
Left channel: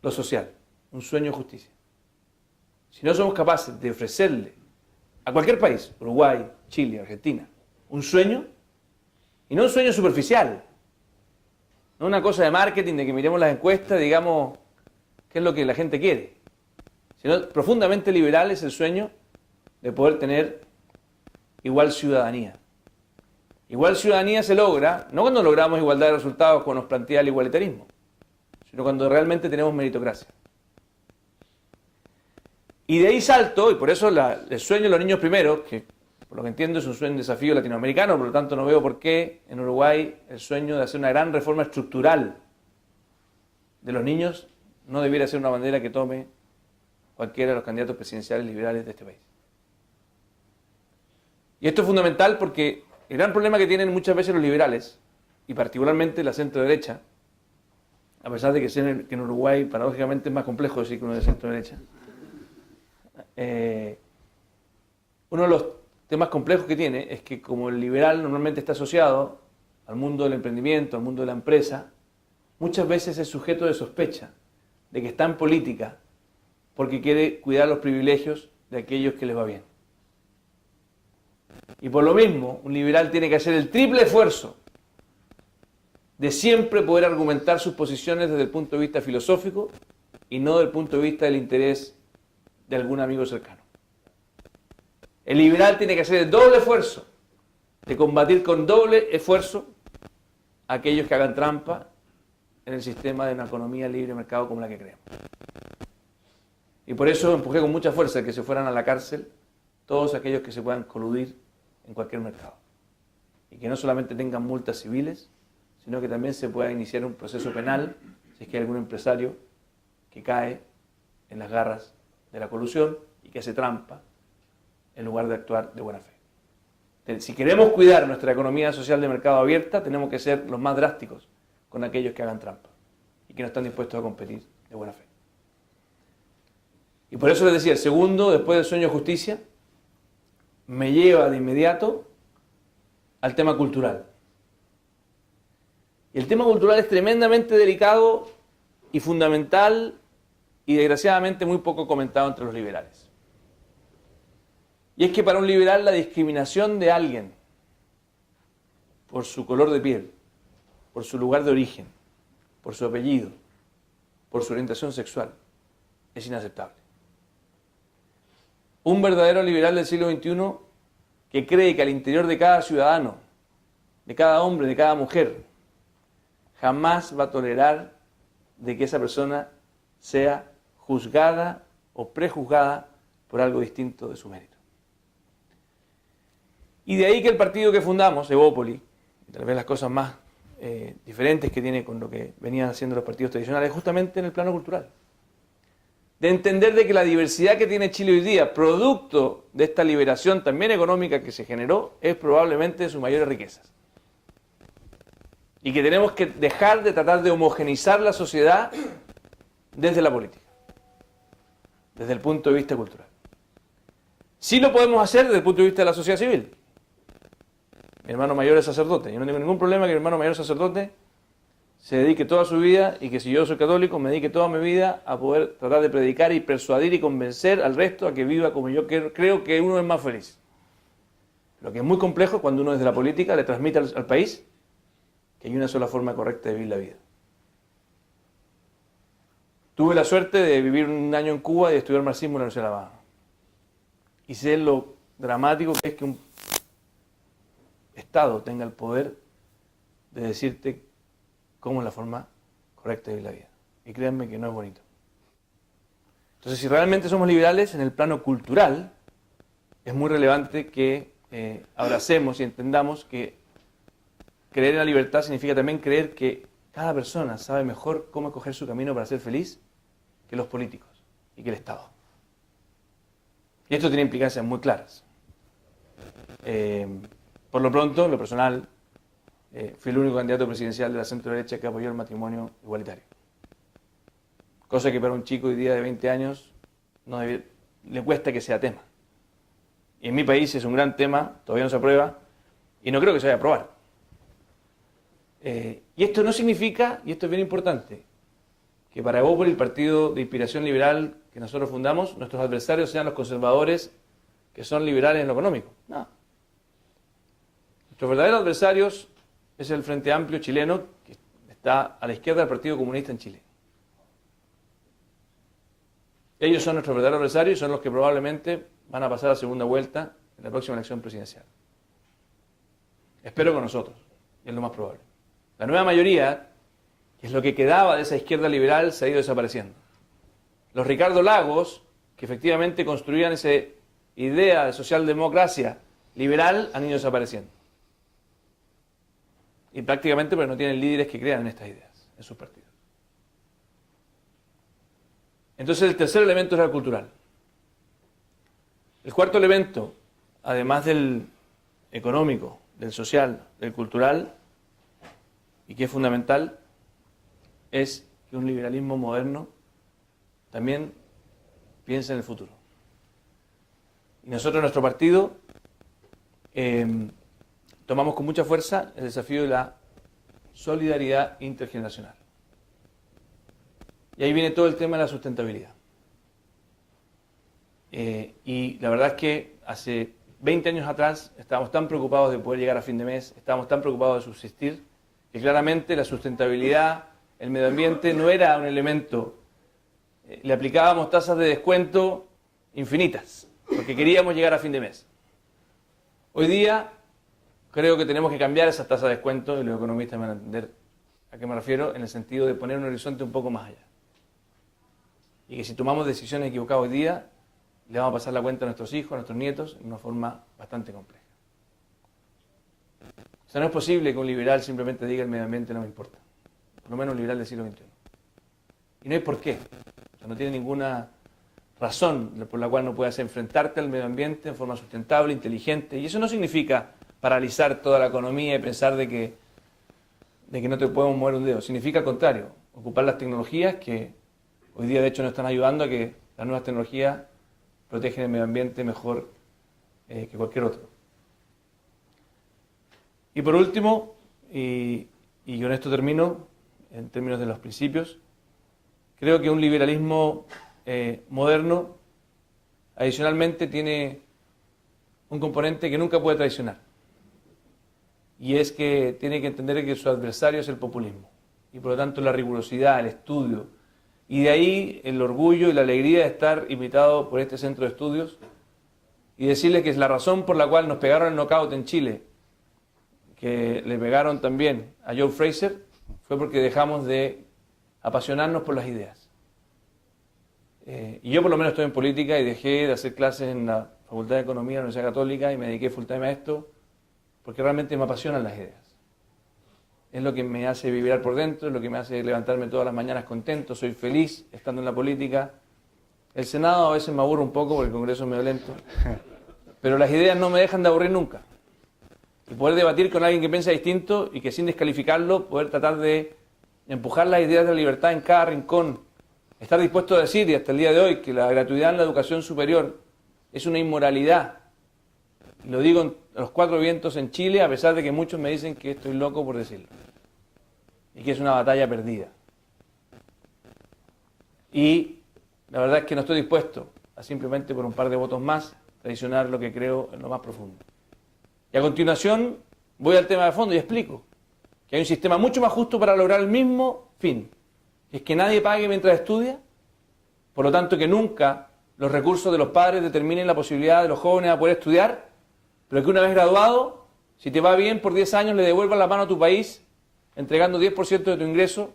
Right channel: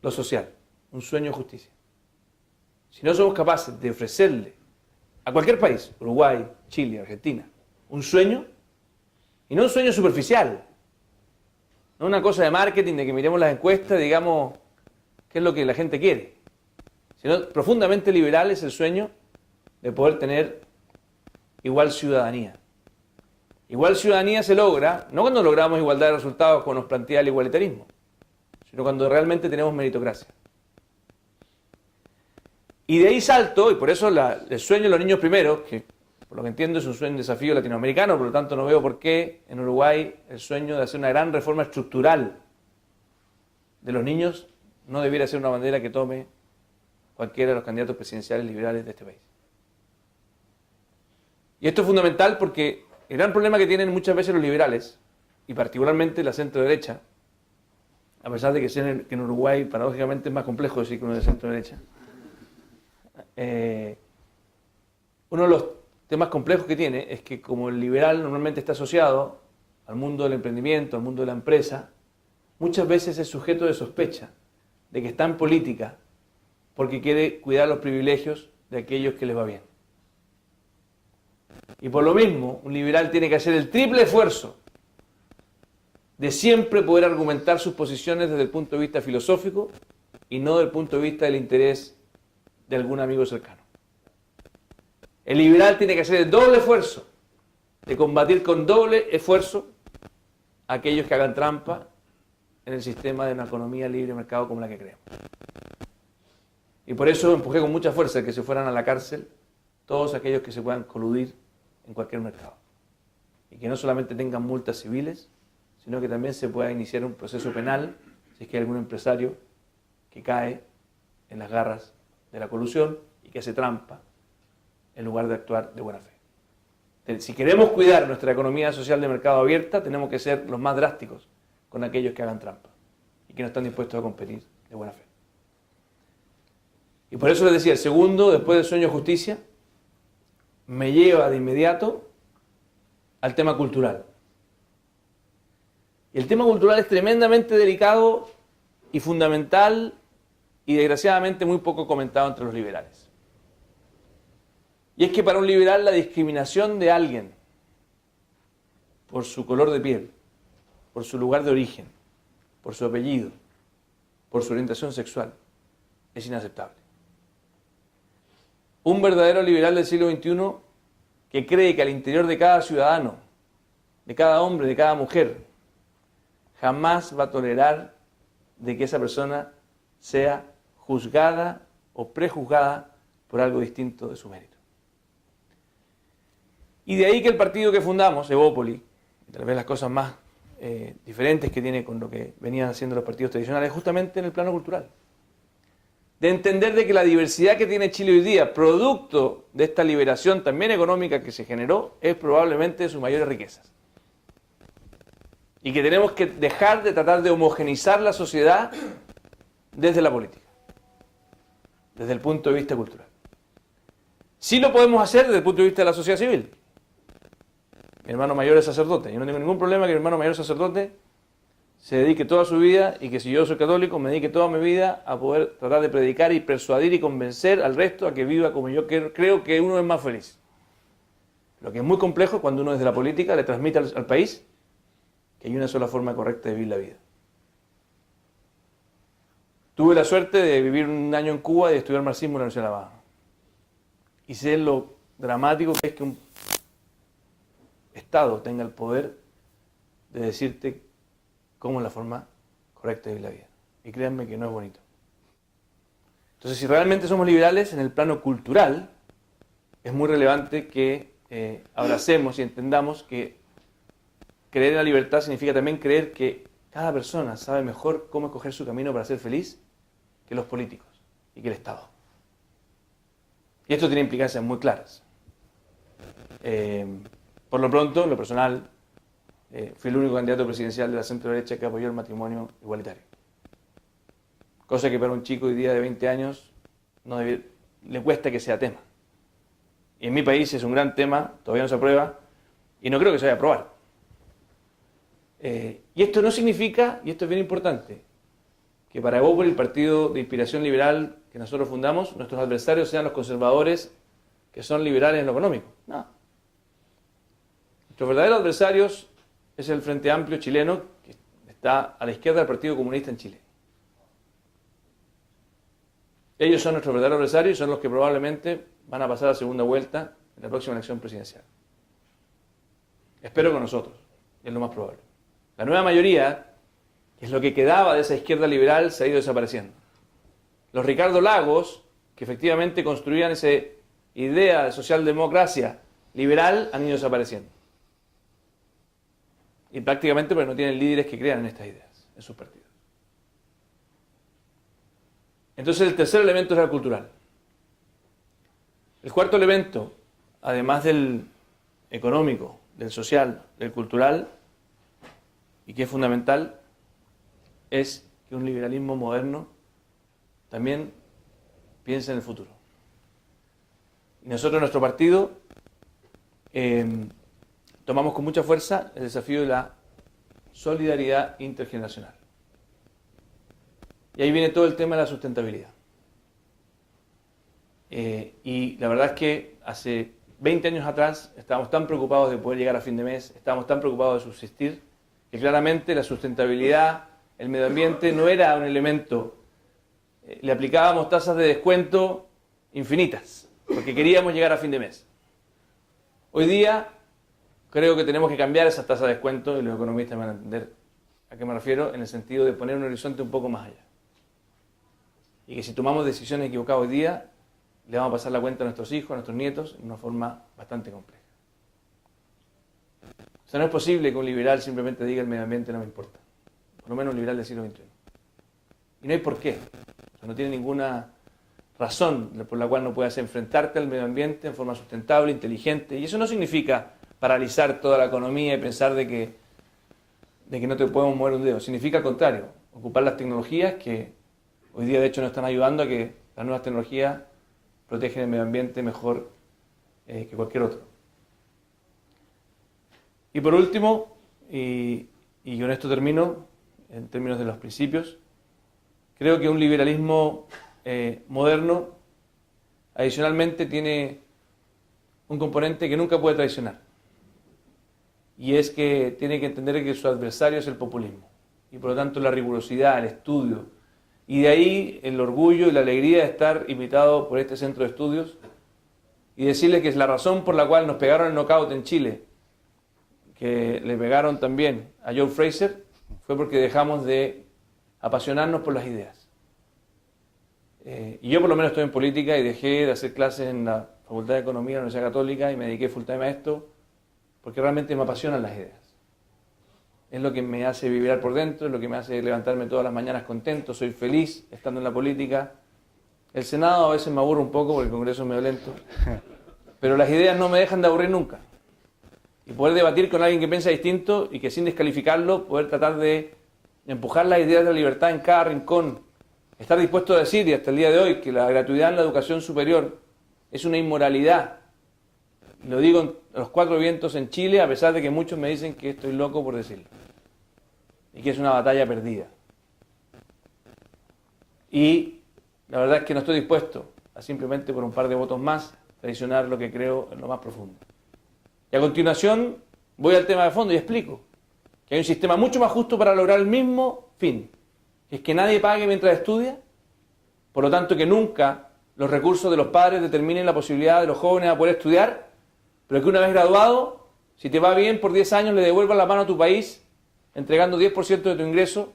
lo social, un sueño de justicia. Si no somos capaces de ofrecerle a cualquier país, Uruguay, Chile, Argentina, un sueño, y no un sueño superficial, no una cosa de marketing, de que miremos las encuestas y digamos qué es lo que la gente quiere, sino profundamente liberal es el sueño de poder tener igual ciudadanía. Igual ciudadanía se logra, no cuando logramos igualdad de resultados como nos plantea el igualitarismo, sino cuando realmente tenemos meritocracia. Y de ahí salto, y por eso el sueño de los niños primeros, que por lo que entiendo es un desafío latinoamericano, por lo tanto no veo por qué en Uruguay el sueño de hacer una gran reforma estructural de los niños no debiera ser una bandera que tome cualquiera de los candidatos presidenciales liberales de este país. Y esto es fundamental porque el gran problema que tienen muchas veces los liberales, y particularmente la centro-derecha, a pesar de que en Uruguay paradójicamente es más complejo decir que uno es de centro-derecha, uno de los temas complejos que tiene es que como el liberal normalmente está asociado al mundo del emprendimiento, al mundo de la empresa, muchas veces es sujeto de sospecha de que está en política porque quiere cuidar los privilegios de aquellos que les va bien. Y por lo mismo, un liberal tiene que hacer el triple esfuerzo de siempre poder argumentar sus posiciones desde el punto de vista filosófico y no desde el punto de vista del interés de algún amigo cercano. El liberal tiene que hacer el doble esfuerzo de combatir con doble esfuerzo a aquellos que hagan trampa en el sistema de una economía libre de mercado como la que creemos. Y por eso empujé con mucha fuerza que se fueran a la cárcel todos aquellos que se puedan coludir en cualquier mercado. Y que no solamente tengan multas civiles, sino que también se pueda iniciar un proceso penal si es que hay algún empresario que cae en las garras de la colusión y que hace trampa en lugar de actuar de buena fe. Si queremos cuidar nuestra economía social de mercado abierta, tenemos que ser los más drásticos con aquellos que hagan trampa y que no están dispuestos a competir de buena fe. Y por eso les decía, el segundo, después del sueño de justicia, me lleva de inmediato al tema cultural. Y el tema cultural es tremendamente delicado y fundamental y desgraciadamente muy poco comentado entre los liberales. Y es que para un liberal la discriminación de alguien por su color de piel, por su lugar de origen, por su apellido, por su orientación sexual, es inaceptable. Un verdadero liberal del siglo XXI que cree que al interior de cada ciudadano, de cada hombre, de cada mujer, jamás va a tolerar de que esa persona sea juzgada o prejuzgada por algo distinto de su mérito. Y de ahí que el partido que fundamos, Evópoli, tal vez las cosas más diferentes que tiene con lo que venían haciendo los partidos tradicionales, justamente en el plano cultural. De entender de que la diversidad que tiene Chile hoy día, producto de esta liberación también económica que se generó, es probablemente de sus mayores riquezas. Y que tenemos que dejar de tratar de homogeneizar la sociedad desde la política, desde el punto de vista cultural. Sí lo podemos hacer desde el punto de vista de la sociedad civil. Mi hermano mayor es sacerdote. Yo no tengo ningún problema que mi hermano mayor sacerdote se dedique toda su vida y que si yo soy católico me dedique toda mi vida a poder tratar de predicar y persuadir y convencer al resto a que viva como yo creo que uno es más feliz. Lo que es muy complejo cuando uno desde la política le transmite al país que hay una sola forma correcta de vivir la vida. Tuve la suerte de vivir un año en Cuba y de estudiar marxismo en la Universidad de La Habana. Y sé lo dramático que es que un Estado tenga el poder de decirte cómo es la forma correcta de vivir la vida. Y créanme que no es bonito. Entonces, si realmente somos liberales en el plano cultural, es muy relevante que abracemos y entendamos que creer en la libertad significa también creer que cada persona sabe mejor cómo escoger su camino para ser feliz que los políticos y que el Estado. Y esto tiene implicancias muy claras. Por lo pronto, en lo personal, fui el único candidato presidencial de la centro-derecha que apoyó el matrimonio igualitario. Cosa que para un chico hoy día de 20 años le cuesta que sea tema. Y en mi país es un gran tema, todavía no se aprueba, y no creo que se vaya a aprobar. Y esto no significa, y esto es bien importante, que para Evópoli, el partido de inspiración liberal que nosotros fundamos, nuestros adversarios sean los conservadores que son liberales en lo económico. No. Nuestros verdaderos adversarios es el Frente Amplio chileno, que está a la izquierda del Partido Comunista en Chile. Ellos son nuestros verdaderos adversarios y son los que probablemente van a pasar a segunda vuelta en la próxima elección presidencial. Espero con nosotros, es lo más probable. La nueva mayoría, que es lo que quedaba de esa izquierda liberal, se ha ido desapareciendo. Los Ricardo Lagos, que efectivamente construían esa idea de socialdemocracia liberal, han ido desapareciendo. Y prácticamente pero no tienen líderes que crean en estas ideas, en sus partidos. Entonces el tercer elemento es la cultural. El cuarto elemento, además del económico, del social, del cultural, y que es fundamental, es que un liberalismo moderno también piensa en el futuro. Y nosotros en nuestro partido tomamos con mucha fuerza el desafío de la solidaridad intergeneracional. Y ahí viene todo el tema de la sustentabilidad. Y la verdad es que hace 20 años atrás estábamos tan preocupados de poder llegar a fin de mes, estábamos tan preocupados de subsistir, que claramente la sustentabilidad, el medio ambiente no era un elemento. Le aplicábamos tasas de descuento infinitas, porque queríamos llegar a fin de mes. Hoy día creo que tenemos que cambiar esas tasas de descuento, y los economistas van a entender a qué me refiero, en el sentido de poner un horizonte un poco más allá. Y que si tomamos decisiones equivocadas hoy día, le vamos a pasar la cuenta a nuestros hijos, a nuestros nietos, de una forma bastante compleja. O sea, no es posible que un liberal simplemente diga el medio ambiente no me importa. Por lo menos un liberal del siglo XXI. Y no hay por qué. O sea, no tiene ninguna razón por la cual no puedas enfrentarte al medio ambiente en forma sustentable, inteligente. Y eso no significa paralizar toda la economía y pensar de que no te podemos mover un dedo. Significa al contrario, ocupar las tecnologías que hoy día de hecho nos están ayudando a que las nuevas tecnologías protegen el medio ambiente mejor que cualquier otro. Y por último, y con esto termino, en términos de los principios, creo que un liberalismo moderno adicionalmente tiene un componente que nunca puede traicionar. Y es que tiene que entender que su adversario es el populismo. Y por lo tanto la rigurosidad, el estudio. Y de ahí el orgullo y la alegría de estar invitado por este centro de estudios y decirles que es la razón por la cual nos pegaron el knockout en Chile, que le pegaron también a Joe Fraser, fue porque dejamos de apasionarnos por las ideas. Y yo por lo menos estoy en política y dejé de hacer clases en la Facultad de Economía de la Universidad Católica y me dediqué full time a esto porque realmente me apasionan las ideas. Es lo que me hace vibrar por dentro, es lo que me hace levantarme todas las mañanas contento, soy feliz estando en la política. El Senado a veces me aburre un poco porque el Congreso es medio lento, pero las ideas no me dejan de aburrir nunca. Y poder debatir con alguien que piensa distinto y que sin descalificarlo, poder tratar de empujar las ideas de la libertad en cada rincón, estar dispuesto a decir, y hasta el día de hoy, que la gratuidad en la educación superior es una inmoralidad. Lo digo en los cuatro vientos en Chile, a pesar de que muchos me dicen que estoy loco por decirlo. Y que es una batalla perdida. Y la verdad es que no estoy dispuesto a simplemente por un par de votos más traicionar lo que creo en lo más profundo. Y a continuación voy al tema de fondo y explico que hay un sistema mucho más justo para lograr el mismo fin. Que es que nadie pague mientras estudia, por lo tanto que nunca los recursos de los padres determinen la posibilidad de los jóvenes a poder estudiar, pero que una vez graduado, si te va bien por 10 años, le devuelvas la mano a tu país, entregando 10% de tu ingreso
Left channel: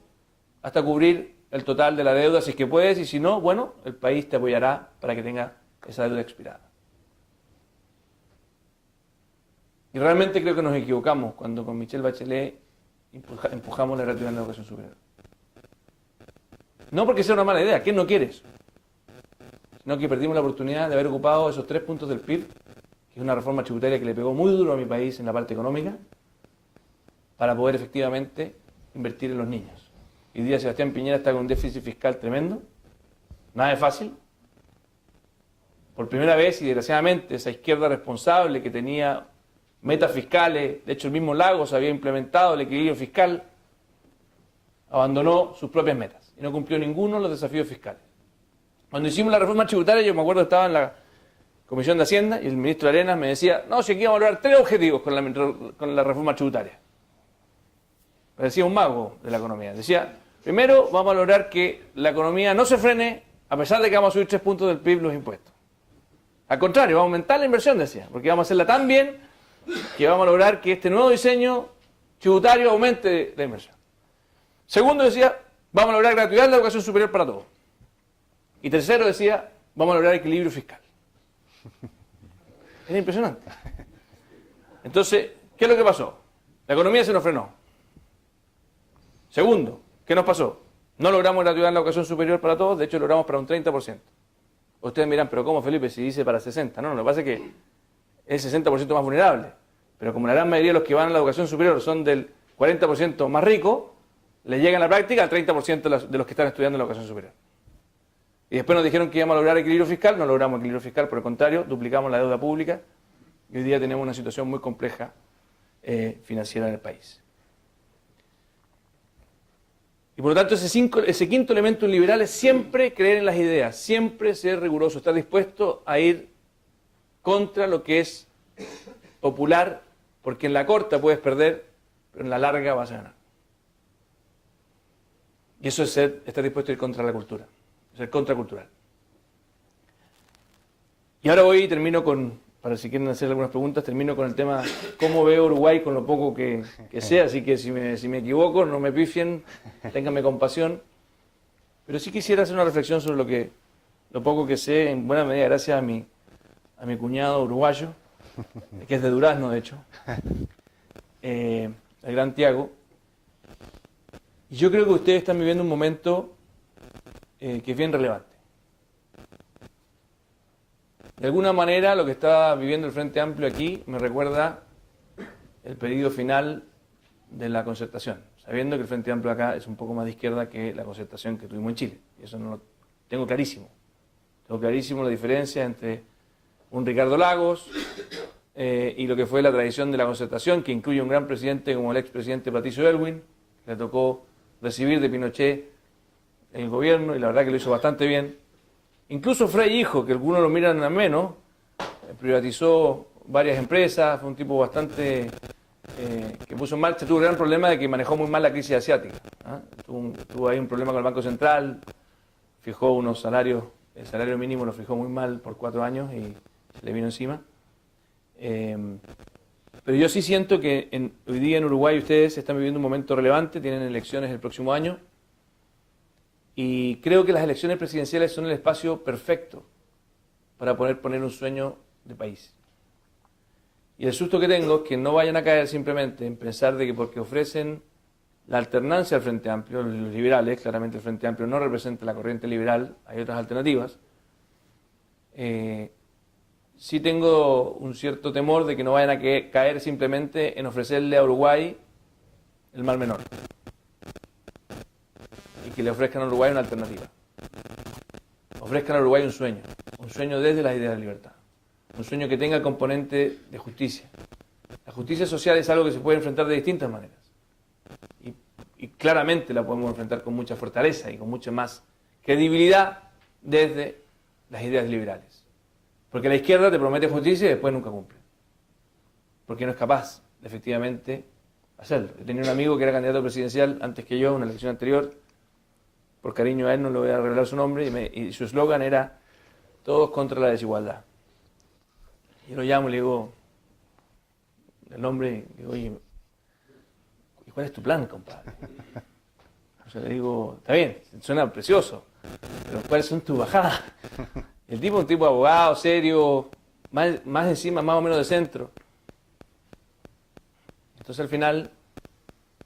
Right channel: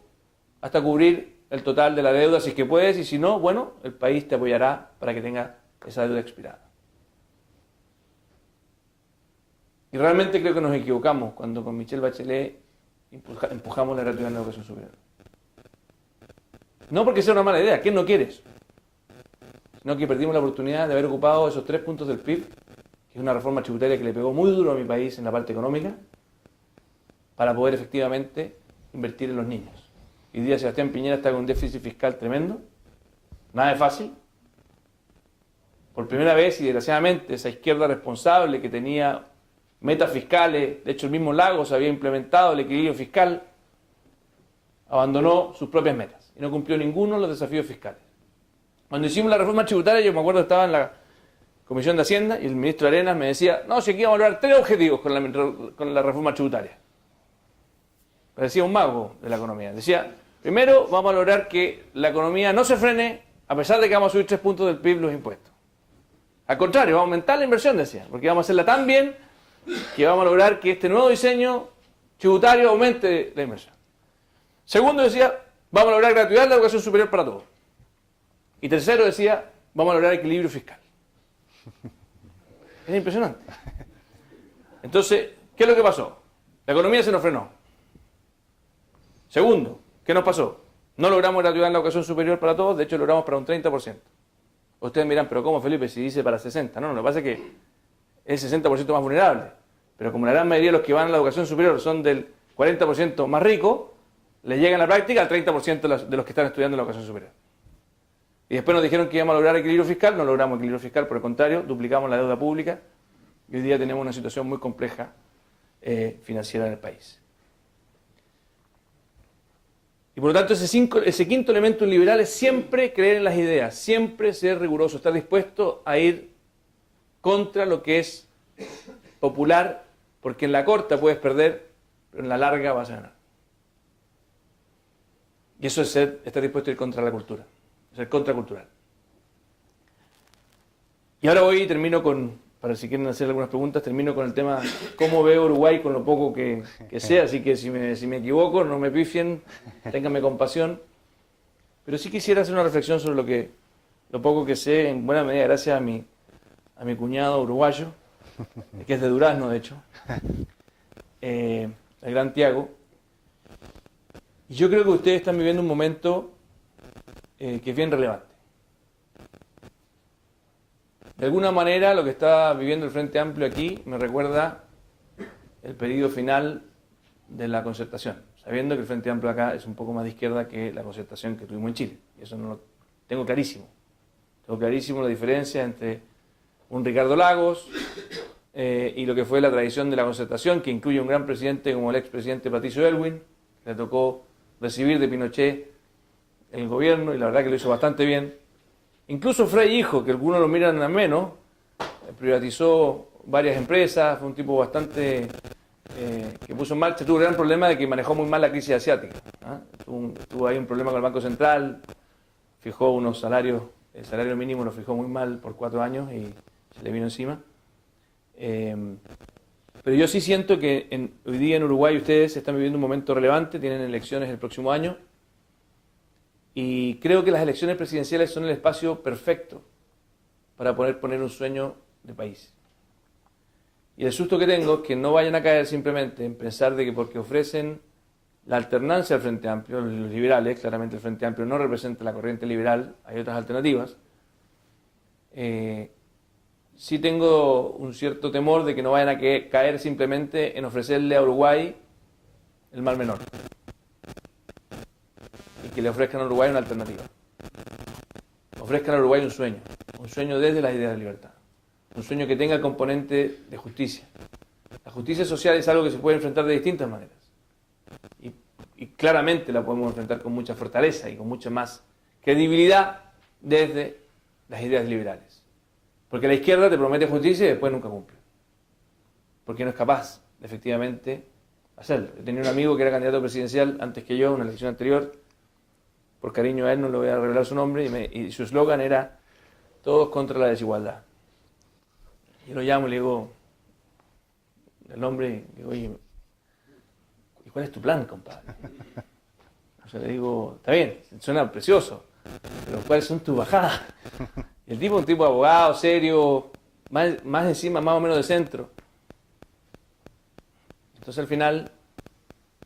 hasta cubrir el total de la deuda, si es que puedes, y si no, bueno, el país te apoyará para que tengas esa deuda expirada. Y realmente creo que nos equivocamos cuando con Michelle Bachelet empujamos la gratuidad en la educación superior. No porque sea una mala idea, ¿quién no quiere eso? Sino que perdimos la oportunidad de haber ocupado esos 3 puntos del PIB, que es una reforma tributaria que le pegó muy duro a mi país en la parte económica, para poder efectivamente invertir en los niños. Hoy día Sebastián Piñera está con un déficit fiscal tremendo, nada de fácil. Por primera vez, y desgraciadamente, esa izquierda responsable que tenía metas fiscales, de hecho el mismo Lagos había implementado el equilibrio fiscal, abandonó sus propias metas y no cumplió ninguno de los desafíos fiscales. Cuando hicimos la reforma tributaria, yo me acuerdo que estaba en la Comisión de Hacienda y el ministro Arenas me decía, no, si aquí vamos a lograr 3 objetivos con la reforma tributaria. Parecía un mago de la economía. Decía, primero vamos a lograr que la economía no se frene a pesar de que vamos a subir 3 puntos del PIB los impuestos. Al contrario, vamos a aumentar la inversión, decía, porque vamos a hacerla tan bien que vamos a lograr que este nuevo diseño tributario aumente la inversión. Segundo decía, vamos a lograr gratuidad en la educación superior para todos. Y tercero decía, vamos a lograr equilibrio fiscal. Es impresionante. Entonces, ¿qué es lo que pasó? La economía se nos frenó. Segundo, ¿qué nos pasó? No logramos gratuidad en la educación superior para todos, de hecho logramos para un 30%. Ustedes dirán, pero ¿cómo, Felipe, si dice para 60%? No, lo que pasa es que es el 60% más vulnerable. Pero como la gran mayoría de los que van a la educación superior son del 40% más rico, les llega en la práctica al 30% de los que están estudiando en la educación superior. Y después nos dijeron que íbamos a lograr equilibrio fiscal, no logramos equilibrio fiscal, por el contrario, duplicamos la deuda pública y hoy día tenemos una situación muy compleja financiera en el país. Y por lo tanto ese quinto elemento liberal es siempre creer en las ideas, siempre ser riguroso, estar dispuesto a ir contra lo que es popular, porque en la corta puedes perder, pero en la larga vas a ganar. Y eso es estar dispuesto a ir contra la cultura, ser contracultural. Y ahora hoy termino para si quieren hacer algunas preguntas, termino con el tema cómo veo Uruguay con lo poco que sé, así que si me equivoco, no me pifien, ténganme compasión. Pero sí quisiera hacer una reflexión sobre lo poco que sé, en buena medida gracias a mi cuñado uruguayo, que es de Durazno, de hecho, el gran Tiago. Y yo creo que ustedes están viviendo un momento que es bien relevante. De alguna manera lo que está viviendo el Frente Amplio aquí me recuerda el periodo final de la concertación, sabiendo que el Frente Amplio acá es un poco más de izquierda que la concertación que tuvimos en Chile. Y eso no lo tengo clarísimo. Tengo clarísimo la diferencia entre un Ricardo Lagos y lo que fue la tradición de la concertación, que incluye un gran presidente como el expresidente Patricio Aylwin, que le tocó recibir de Pinochet el gobierno, y la verdad que lo hizo bastante bien. Incluso Frei hijo, que algunos lo miran a menos, privatizó varias empresas, fue un tipo bastante que puso en marcha, tuvo el gran problema de que manejó muy mal la crisis asiática. Tuvo ahí un problema con el Banco Central, fijó unos salarios, el salario mínimo lo fijó muy mal por 4 años y se le vino encima. Pero yo sí siento que hoy día en Uruguay ustedes están viviendo un momento relevante, tienen elecciones el próximo año, y creo que las elecciones presidenciales son el espacio perfecto para poder poner un sueño de país. Y el susto que tengo es que no vayan a caer simplemente en pensar de que porque ofrecen la alternancia al Frente Amplio, los liberales, claramente el Frente Amplio no representa la corriente liberal, hay otras alternativas, sí tengo un cierto temor de que no vayan a caer simplemente en ofrecerle a Uruguay el mal menor y que le ofrezcan a Uruguay una alternativa. Ofrezcan a Uruguay un sueño desde la idea de libertad, un sueño que tenga el componente de justicia. La justicia social es algo que se puede enfrentar de distintas maneras y claramente la podemos enfrentar con mucha fortaleza y con mucha más credibilidad desde las ideas liberales. Porque la izquierda te promete justicia y después nunca cumple. Porque no es capaz de efectivamente hacerlo. Yo tenía un amigo que era candidato presidencial antes que yo en una elección anterior. Por cariño a él no le voy a revelar su nombre. Y su eslogan era: todos contra la desigualdad. Y lo llamo y le digo, el hombre, oye, ¿y cuál es tu plan, compadre? Yo le digo, está bien, suena precioso, pero ¿cuáles son tus bajadas? Y el tipo es un tipo abogado, serio, más encima, más o menos de centro. Entonces al final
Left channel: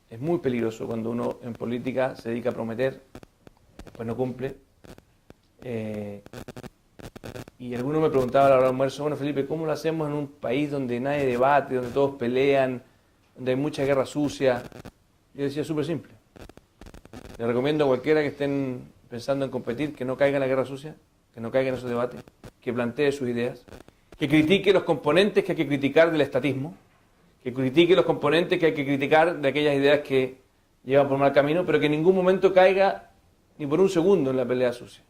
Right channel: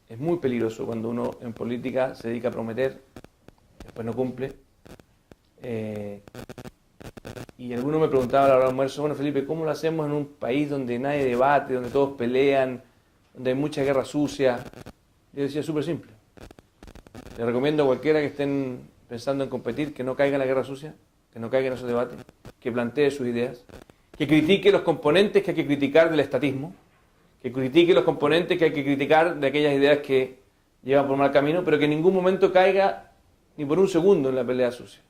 es muy peligroso cuando uno en política se dedica a prometer, después no cumple. Y algunos me preguntaban a la hora del almuerzo, bueno Felipe, ¿cómo lo hacemos en un país donde nadie debate, donde todos pelean, donde hay mucha guerra sucia? Yo decía, súper simple. Le recomiendo a cualquiera que estén pensando en competir que no caiga en la guerra sucia, que no caiga en esos debates, que plantee sus ideas, que critique los componentes que hay que criticar del estatismo, que critique los componentes que hay que criticar de aquellas ideas que llevan por mal camino, pero que en ningún momento caiga ni por un segundo en la pelea sucia.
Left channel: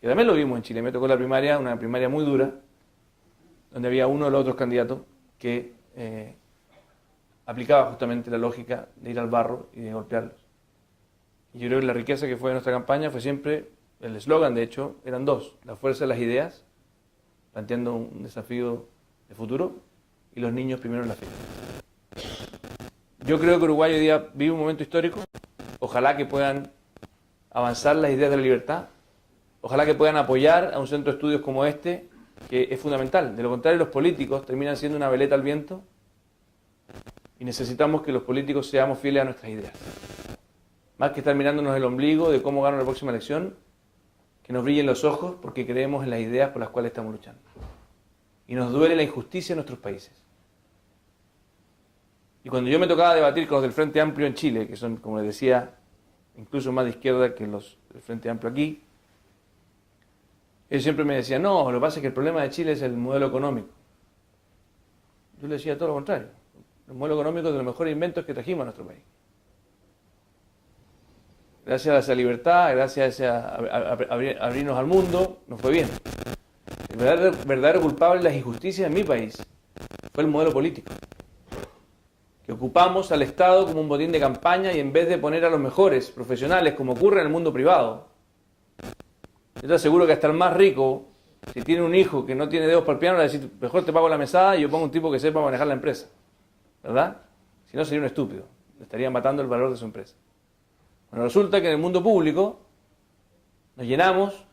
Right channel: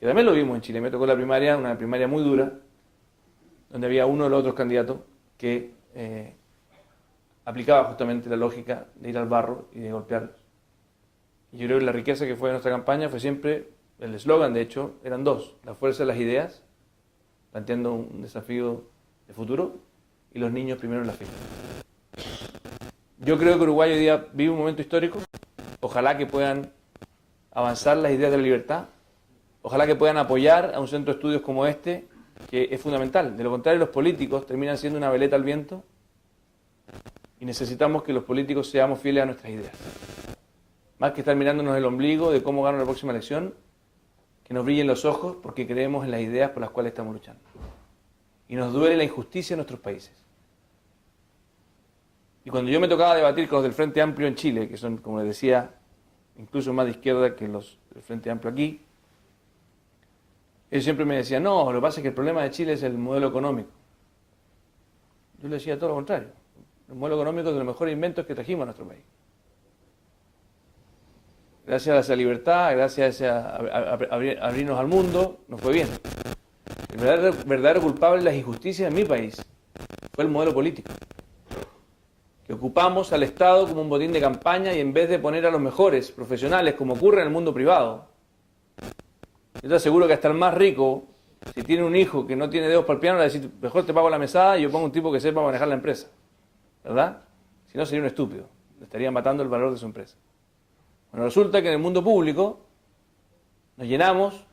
Y también lo vimos en Chile, me tocó la primaria, una primaria muy dura, donde había uno de los otros candidatos que aplicaba justamente la lógica de ir al barro y de golpearlos. Y yo creo que la riqueza que fue de nuestra campaña fue siempre, el eslogan de hecho, eran dos: la fuerza de las ideas, planteando un desafío de futuro, y los niños primero en la fila. Yo creo que Uruguay hoy día vive un momento histórico, ojalá que puedan avanzar las ideas de la libertad, ojalá que puedan apoyar a un centro de estudios como este, que es fundamental. De lo contrario, los políticos terminan siendo una veleta al viento y necesitamos que los políticos seamos fieles a nuestras ideas. Más que estar mirándonos el ombligo de cómo ganar la próxima elección, que nos brillen los ojos porque creemos en las ideas por las cuales estamos luchando. Y nos duele la injusticia en nuestros países. Y cuando yo me tocaba debatir con los del Frente Amplio en Chile, que son, como les decía, incluso más de izquierda que los del Frente Amplio aquí, ellos siempre me decían, no, lo que pasa es que el problema de Chile es el modelo económico. Yo le decía todo lo contrario. El modelo económico es de los mejores inventos que trajimos a nuestro país. Gracias a esa libertad, gracias a abrirnos al mundo, nos fue bien. El verdadero culpable de las injusticias en mi país fue el modelo político. Que ocupamos al Estado como un botín de campaña y en vez de poner a los mejores profesionales, como ocurre en el mundo privado, yo te aseguro que hasta el más rico, si tiene un hijo que no tiene dedos para el piano, le va a decir, mejor te pago la mesada y yo pongo un tipo que sepa manejar la empresa. ¿Verdad? Si no, sería un estúpido. Estaría matando el valor de su empresa. Bueno, resulta que en el mundo público nos llenamos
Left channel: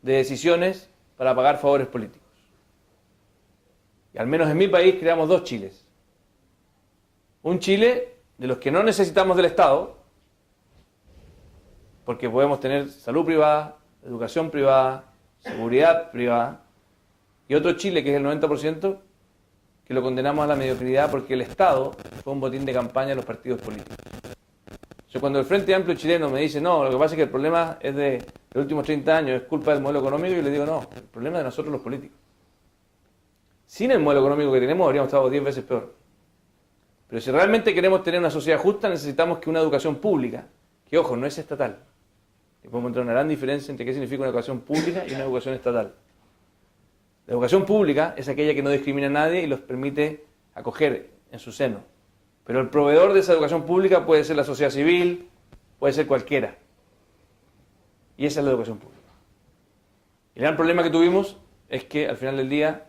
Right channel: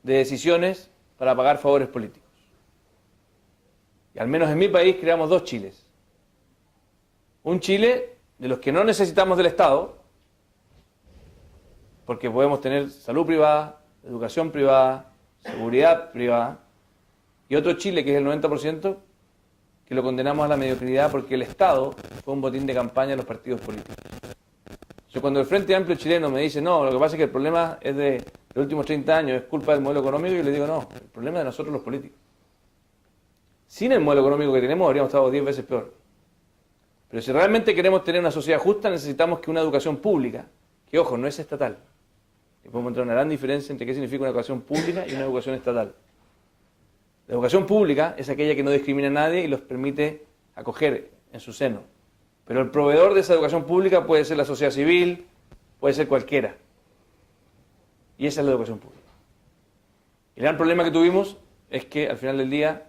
de decisiones para pagar favores políticos. Y al menos en mi país creamos dos Chiles. Un Chile de los que no necesitamos del Estado, porque podemos tener salud privada, educación privada, seguridad privada, Y otro Chile, que es el 90%, que lo condenamos a la mediocridad porque el Estado fue un botín de campaña de los partidos políticos. O sea, cuando el Frente Amplio chileno me dice, no, lo que pasa es que el problema es de los últimos 30 años, es culpa del modelo económico, yo le digo, no, el problema es de nosotros los políticos. Sin el modelo económico que tenemos, habríamos estado 10 veces peor. Pero si realmente queremos tener una sociedad justa, necesitamos que una educación pública, que ojo, no es estatal. Y podemos encontrar una gran diferencia entre qué significa una educación pública y una educación estatal. La educación pública es aquella que no discrimina a nadie y los permite acoger en su seno. Pero el proveedor de esa educación pública puede ser la sociedad civil, puede ser cualquiera. Y esa es la educación pública. Y el gran problema que tuvimos es que al final del día,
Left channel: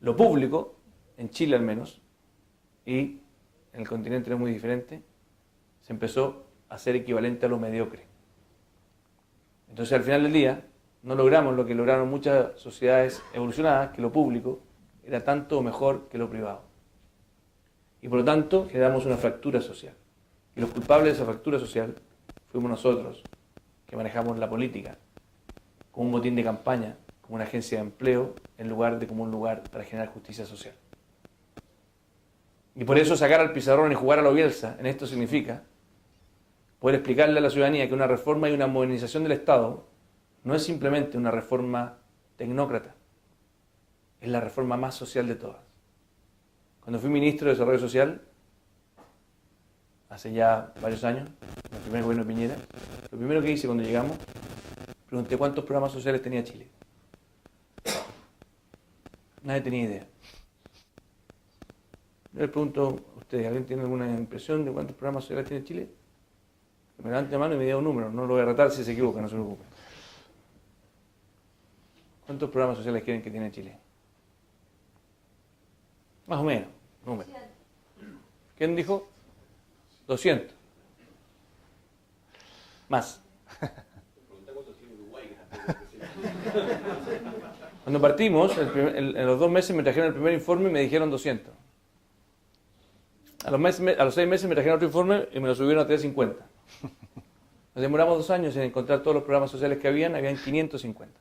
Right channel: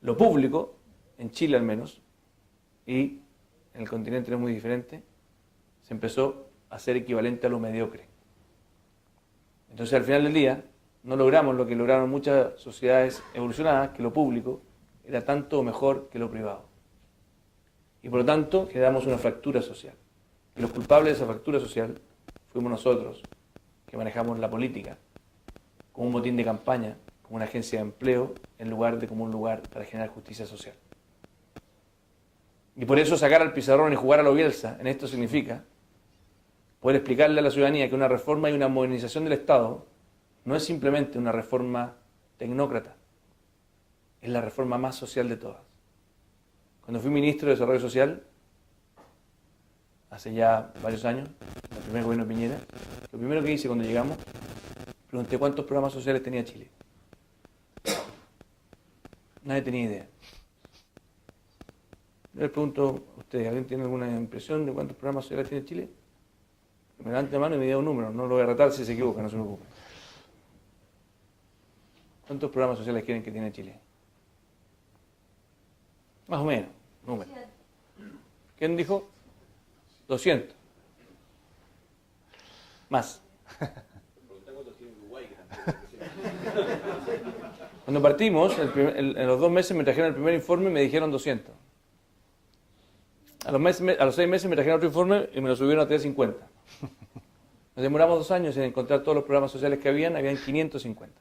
lo público, en Chile al menos, y en el continente no es muy diferente, se empezó a ser equivalente a lo mediocre. Entonces al final del día, no logramos lo que lograron muchas sociedades evolucionadas, que lo público era tanto mejor que lo privado. Y por lo tanto generamos una fractura social. Y los culpables de esa fractura social fuimos nosotros, que manejamos la política como un botín de campaña, como una agencia de empleo, en lugar de como un lugar para generar justicia social. Y por eso sacar al pizarrón y jugar a lo Bielsa en esto significa poder explicarle a la ciudadanía que una reforma y una modernización del Estado no es simplemente una reforma tecnócrata, es la reforma más social de todas. Cuando fui ministro de Desarrollo Social, hace ya varios años, en el primer gobierno de Piñera, lo primero que hice cuando llegamos, pregunté cuántos programas sociales tenía Chile. Nadie tenía idea. Yo les pregunto a ustedes, ¿alguien tiene alguna impresión de cuántos programas sociales tiene Chile? Que me levante la mano y me diga un número, no lo voy a retar si se equivoca, no se preocupen. ¿Cuántos programas sociales creen que tiene Chile? Más o menos, número. ¿Quién dijo? 200. Más. Cuando partimos, en los 2 meses me trajeron el primer informe y me dijeron 200. A los 6 meses me trajeron otro informe y me lo subieron a 350. Nos demoramos 2 años en encontrar todos los programas sociales que habían 550.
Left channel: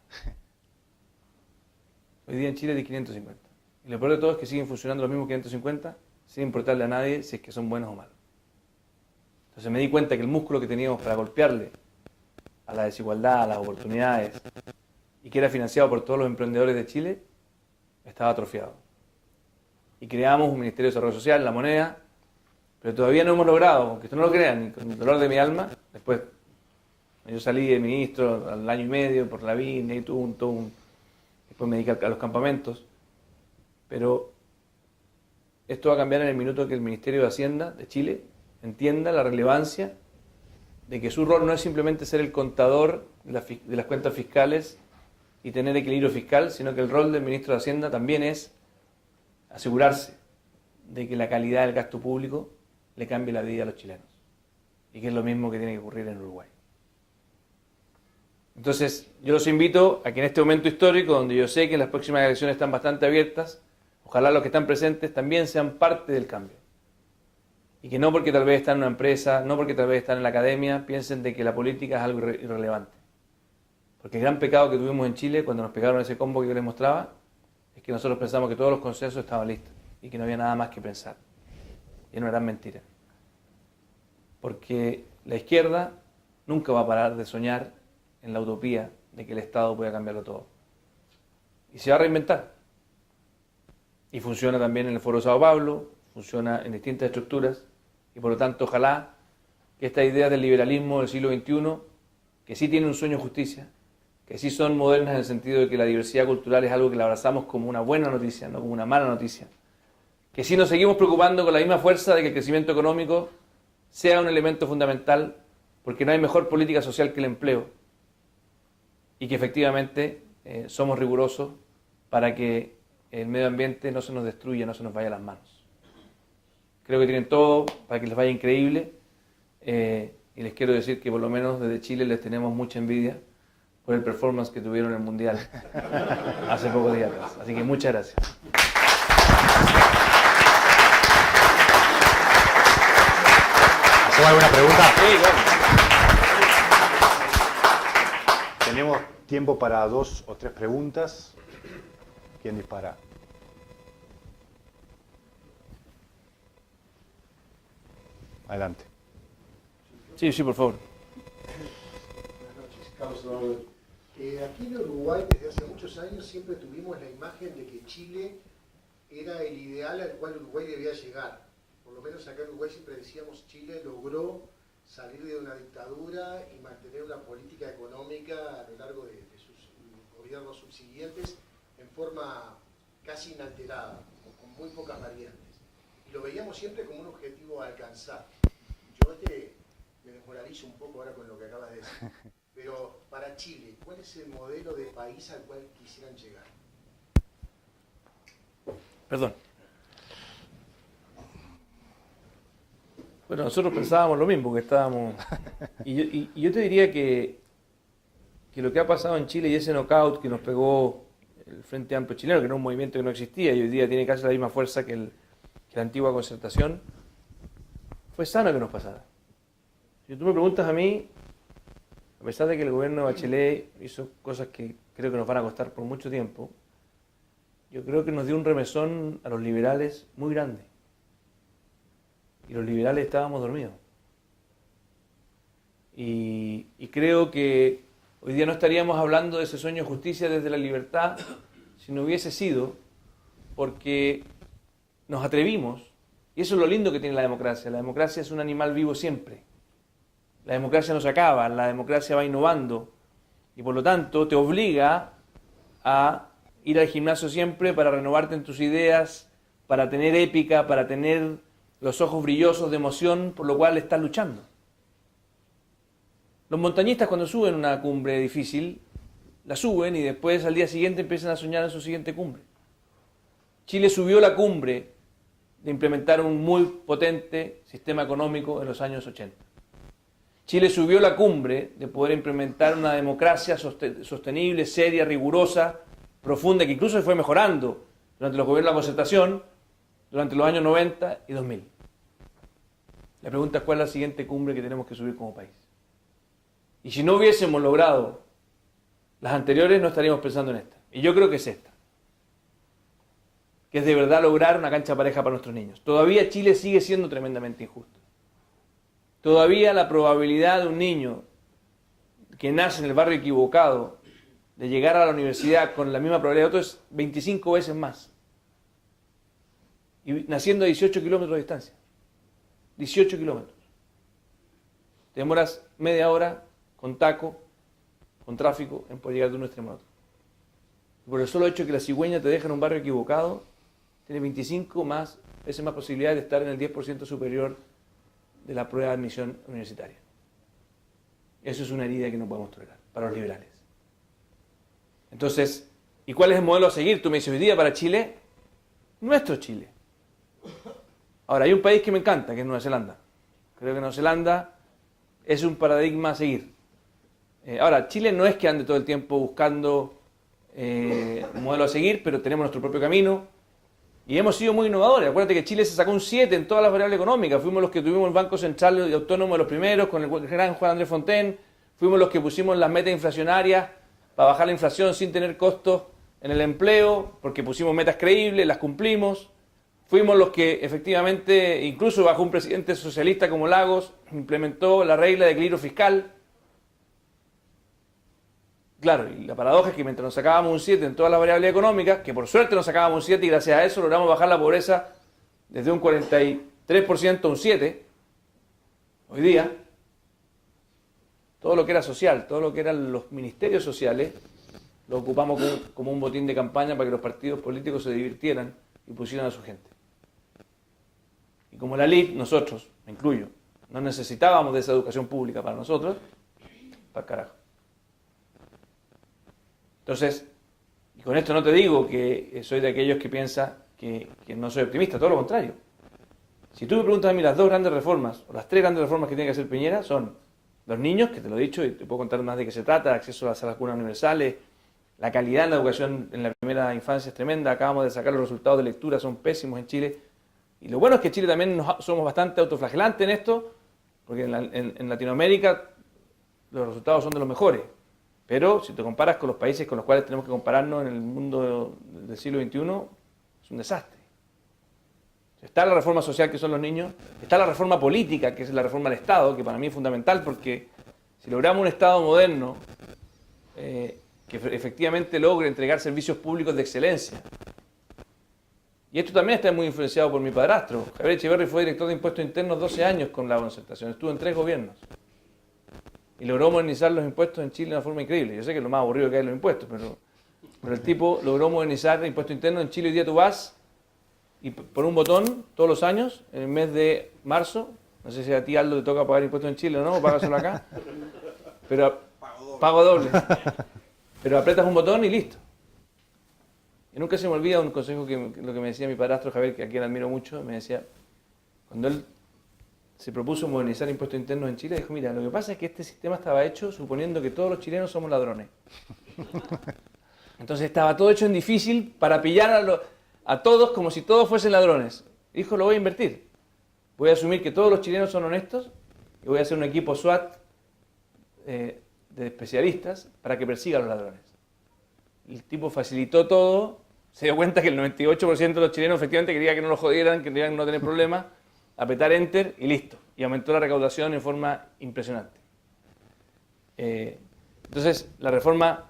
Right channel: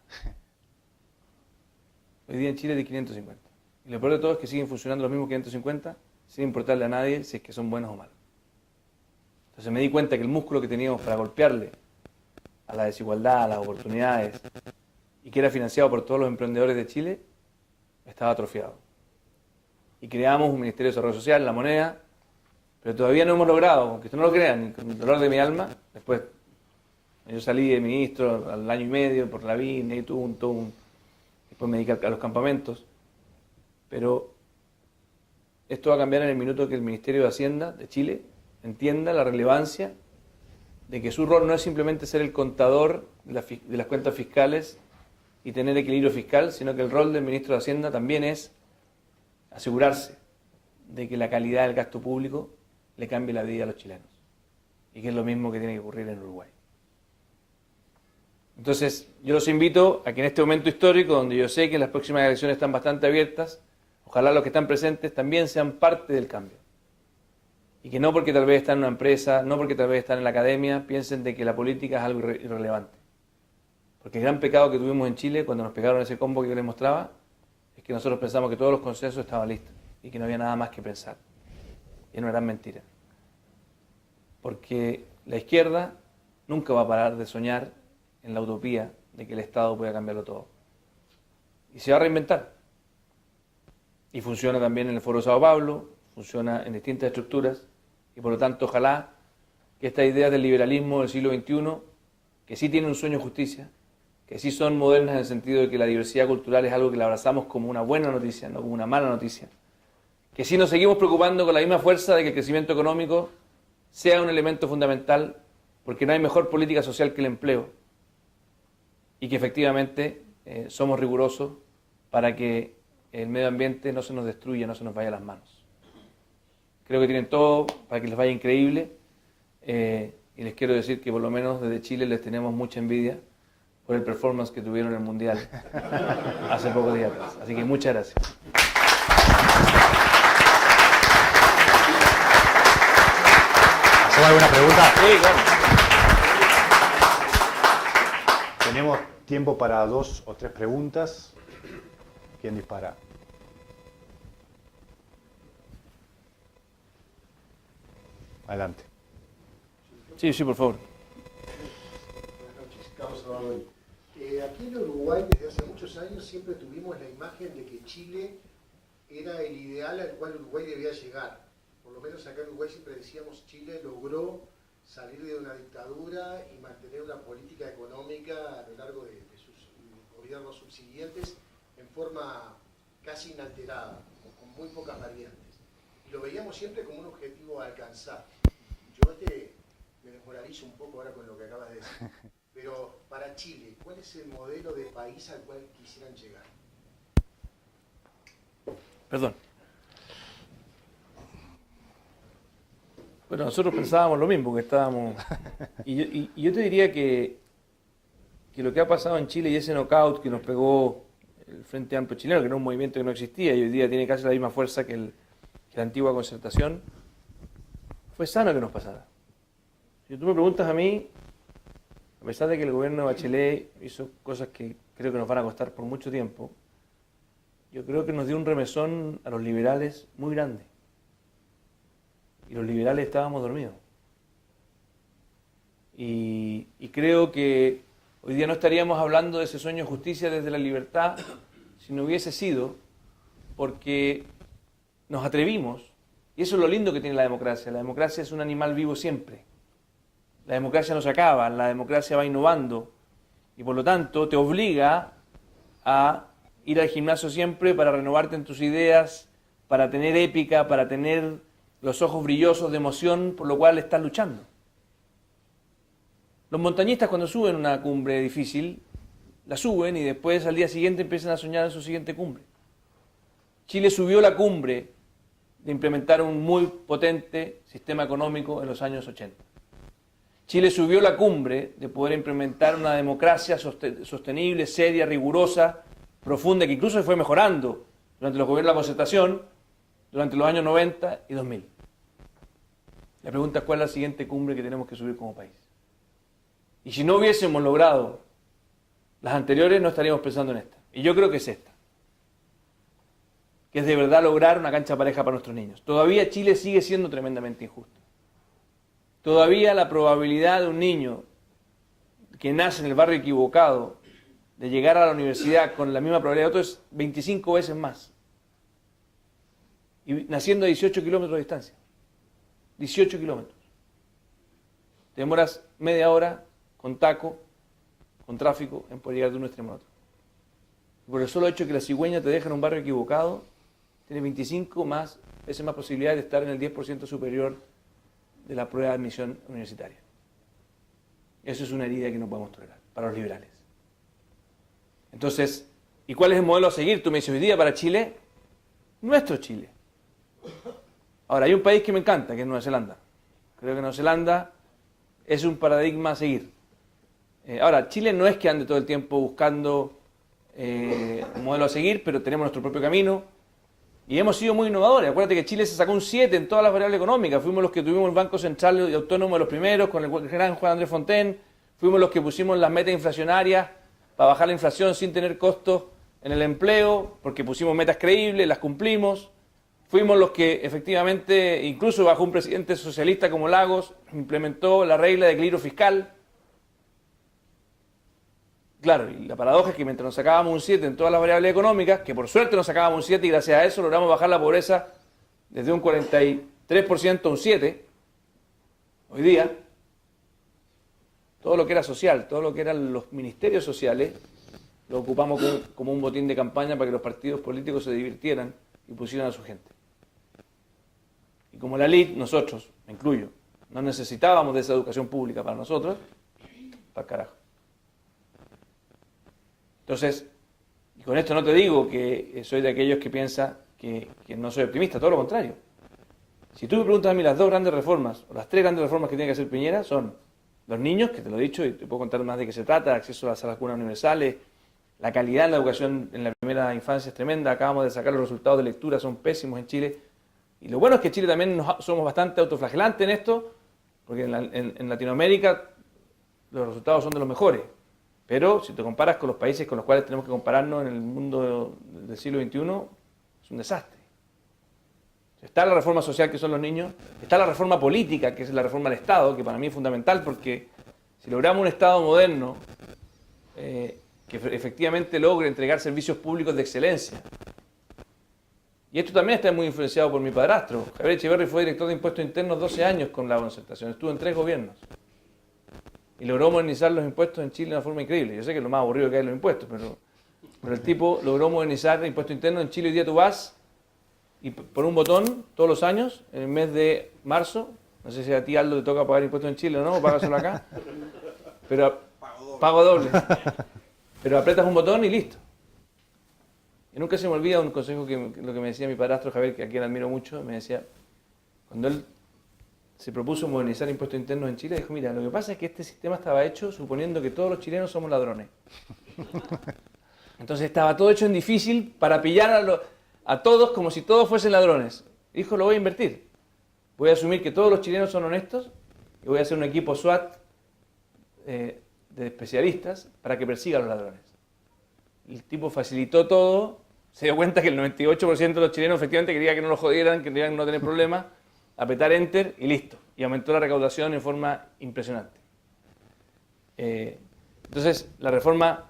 Hoy día en Chile hay 550. Y lo peor de todo es que siguen funcionando los mismos 550 sin importarle a nadie si es que son buenos o malos. Entonces me di cuenta que el músculo que teníamos para golpearle a la desigualdad, a las oportunidades, y que era financiado por todos los emprendedores de Chile, estaba atrofiado. Y creamos un Ministerio de Desarrollo Social, la moneda, pero todavía no hemos logrado, aunque ustedes no lo crean, con el dolor de mi alma, después yo salí de ministro al año y medio por la vida y después me dediqué a los campamentos, pero esto va a cambiar en el minuto que el Ministerio de Hacienda de Chile entienda la relevancia de que su rol no es simplemente ser el contador de las cuentas fiscales y tener equilibrio fiscal, sino que el rol del ministro de Hacienda también es asegurarse de que la calidad del gasto público le cambie la vida a los chilenos. Y que es lo mismo que tiene que ocurrir en Uruguay. Entonces, yo los invito a que en este momento histórico, donde yo sé que las próximas elecciones están bastante abiertas, ojalá los que están presentes también sean parte del cambio. Y que no porque tal vez están en una empresa, no porque tal vez están en la academia, piensen de que la política es algo irrelevante. Porque el gran pecado que tuvimos en Chile, cuando nos pegaron ese combo que yo les mostraba, es que nosotros pensamos que todos los consensos estaban listos y que no había nada más que pensar. Y es una gran mentira. Porque la izquierda nunca va a parar de soñar en la utopía de que el Estado pueda cambiarlo todo. Y se va a reinventar. Y funciona también en el Foro Sao Paulo, funciona en distintas estructuras, y por lo tanto ojalá que estas ideas del liberalismo del siglo XXI, que sí tienen un sueño de justicia, que sí son modernas en el sentido de que la diversidad cultural es algo que la abrazamos como una buena noticia, no como una mala noticia, que sí nos seguimos preocupando con la misma fuerza de que el crecimiento económico sea un elemento fundamental, porque no hay mejor política social que el empleo, y que efectivamente somos rigurosos para que el medio ambiente no se nos destruya, no se nos vaya de las manos. Creo que tienen todo para que les vaya increíble, y les quiero decir que por lo menos desde Chile les tenemos mucha envidia por el performance que tuvieron en el Mundial hace pocos días atrás. Así que muchas gracias. ¿Hacemos alguna pregunta? Sí, Tenemos tiempo para 2 o 3 preguntas. ¿Quién dispara? Adelante. Sí, sí, por favor. Buenas noches, Carlos Rodríguez. Aquí en Uruguay, desde hace muchos años, siempre tuvimos la imagen de que Chile era el ideal al cual Uruguay debía llegar. Por lo menos acá en Uruguay siempre decíamos Chile logró salir de una dictadura y mantener una política económica a lo largo de sus gobiernos subsiguientes en forma casi inalterada, con muy pocas variantes. Y lo veíamos siempre como un objetivo a alcanzar. Yo me desmoralizo un poco ahora con lo que acabas de decir. Pero para Chile, ¿cuál es el modelo de país al cual quisieran llegar? Perdón. Bueno, nosotros pensábamos lo mismo, que estábamos... Y yo te diría que lo que ha pasado en Chile y ese knockout que nos pegó el Frente Amplio chileno, que era un movimiento que no existía y hoy día tiene casi la misma fuerza que la antigua Concertación, fue sano que nos pasara. Si tú me preguntas a mí, a pesar de que el gobierno de Bachelet hizo cosas que creo que nos van a costar por mucho tiempo, yo creo que nos dio un remesón a los liberales muy grande. Y los liberales estábamos dormidos. Y creo que hoy día no estaríamos hablando de ese sueño de justicia desde la libertad si no hubiese sido porque nos atrevimos. Y eso es lo lindo que tiene la democracia. La democracia es un animal vivo siempre. La democracia no se acaba, la democracia va innovando. Y por lo tanto te obliga a ir al gimnasio siempre para renovarte en tus ideas, para tener épica, para tener los ojos brillosos de emoción, por lo cual estás luchando. Los montañistas cuando suben una cumbre difícil, la suben y después al día siguiente empiezan a soñar en su siguiente cumbre. Chile subió la cumbre de implementar un muy potente sistema económico en los años 80. Chile subió la cumbre de poder implementar una democracia sostenible, seria, rigurosa, profunda, que incluso se fue mejorando durante los gobiernos de la Concertación, durante los años 90 y 2000. La pregunta es cuál es la siguiente cumbre que tenemos que subir como país. Y si no hubiésemos logrado las anteriores, no estaríamos pensando en esta. Y yo creo que es esta. Que es de verdad lograr una cancha pareja para nuestros niños. Todavía Chile sigue siendo tremendamente injusto. Todavía la probabilidad de un niño que nace en el barrio equivocado de llegar a la universidad con la misma probabilidad de otro es 25 veces más. Y naciendo a 18 kilómetros de distancia. 18 kilómetros. Te demoras media hora con taco, con tráfico, en poder llegar de un extremo a otro. Por el solo hecho de que la cigüeña te deja en un barrio equivocado, tienes 25 veces más posibilidades de estar en el 10% superior de la prueba de admisión universitaria. Eso es una herida que no podemos tolerar para los liberales. Entonces, ¿y cuál es el modelo a seguir? Tú me dices, hoy día para Chile, nuestro Chile. Ahora, hay un país que me encanta, que es Nueva Zelanda. Creo que Nueva Zelanda es un paradigma a seguir. Ahora, Chile no es que ande todo el tiempo buscando un modelo a seguir, pero tenemos nuestro propio camino. Y hemos sido muy innovadores. Acuérdate que Chile se sacó un 7 en todas las variables económicas. Fuimos los que tuvimos el Banco Central y Autónomo de los primeros, con el gran Juan Andrés Fontaine. Fuimos los que pusimos las metas inflacionarias para bajar la inflación sin tener costos en el empleo, porque pusimos metas creíbles, las cumplimos. Fuimos los que efectivamente, incluso bajo un presidente socialista como Lagos, implementó la regla de equilibrio fiscal. Claro, y la paradoja es que mientras nos sacábamos un 7 en todas las variables económicas, que por suerte nos sacábamos un 7 y gracias a eso logramos bajar la pobreza desde un 43% a un 7%, hoy día, todo lo que era social, todo lo que eran los ministerios sociales, lo ocupamos como un botín de campaña para que los partidos políticos se divirtieran y pusieran a su gente. Y como la elite, nosotros, me incluyo, no necesitábamos de esa educación pública para nosotros, para carajo. Entonces, y con esto no te digo que soy de aquellos que piensa que no soy optimista, todo lo contrario. Si tú me preguntas a mí las dos grandes reformas, o las tres grandes reformas que tiene que hacer Piñera, son los niños, que te lo he dicho, y te puedo contar más de qué se trata, el acceso a las vacunas universales, la calidad de la educación en la primera infancia es tremenda, acabamos de sacar los resultados de lectura, son pésimos en Chile. Y lo bueno es que Chile también somos bastante autoflagelantes en esto, porque en Latinoamérica los resultados son de los mejores. Pero si te comparas con los países con los cuales tenemos que compararnos en el mundo del siglo XXI, es un desastre. Está la reforma social, que son los niños, está la reforma política, que es la reforma del Estado, que para mí es fundamental, porque si logramos un Estado moderno que efectivamente logre entregar servicios públicos de excelencia, y esto también está muy influenciado por mi padrastro. Javier Echeverri fue director de Impuestos Internos 12 años con la Concertación, estuvo en 3 gobiernos. Y logró modernizar los impuestos en Chile de una forma increíble. Yo sé que es lo más aburrido que hay los impuestos, pero el tipo logró modernizar el impuesto interno. En Chile hoy día tú vas y por un botón, todos los años, en el mes de marzo, no sé si a ti, Aldo, te toca pagar impuestos en Chile o no, o pagas solo acá, pero pago doble. Pero apretas un botón y listo. Y nunca se me olvida un consejo lo que me decía mi padrastro Javier, que a quien admiro mucho, me decía, cuando él se propuso modernizar impuestos internos en Chile, dijo, mira, lo que pasa es que este sistema estaba hecho suponiendo que todos los chilenos somos ladrones. Entonces estaba todo hecho en difícil para pillar a todos como si todos fuesen ladrones. Dijo, lo voy a invertir. Voy a asumir que todos los chilenos son honestos y voy a hacer un equipo SWAT de especialistas para que persiga a los ladrones. El tipo facilitó todo, se dio cuenta que el 98% de los chilenos efectivamente quería que no lo jodieran, que querían no tener problemas, apretar Enter y listo. Y aumentó la recaudación en forma impresionante. Entonces, la reforma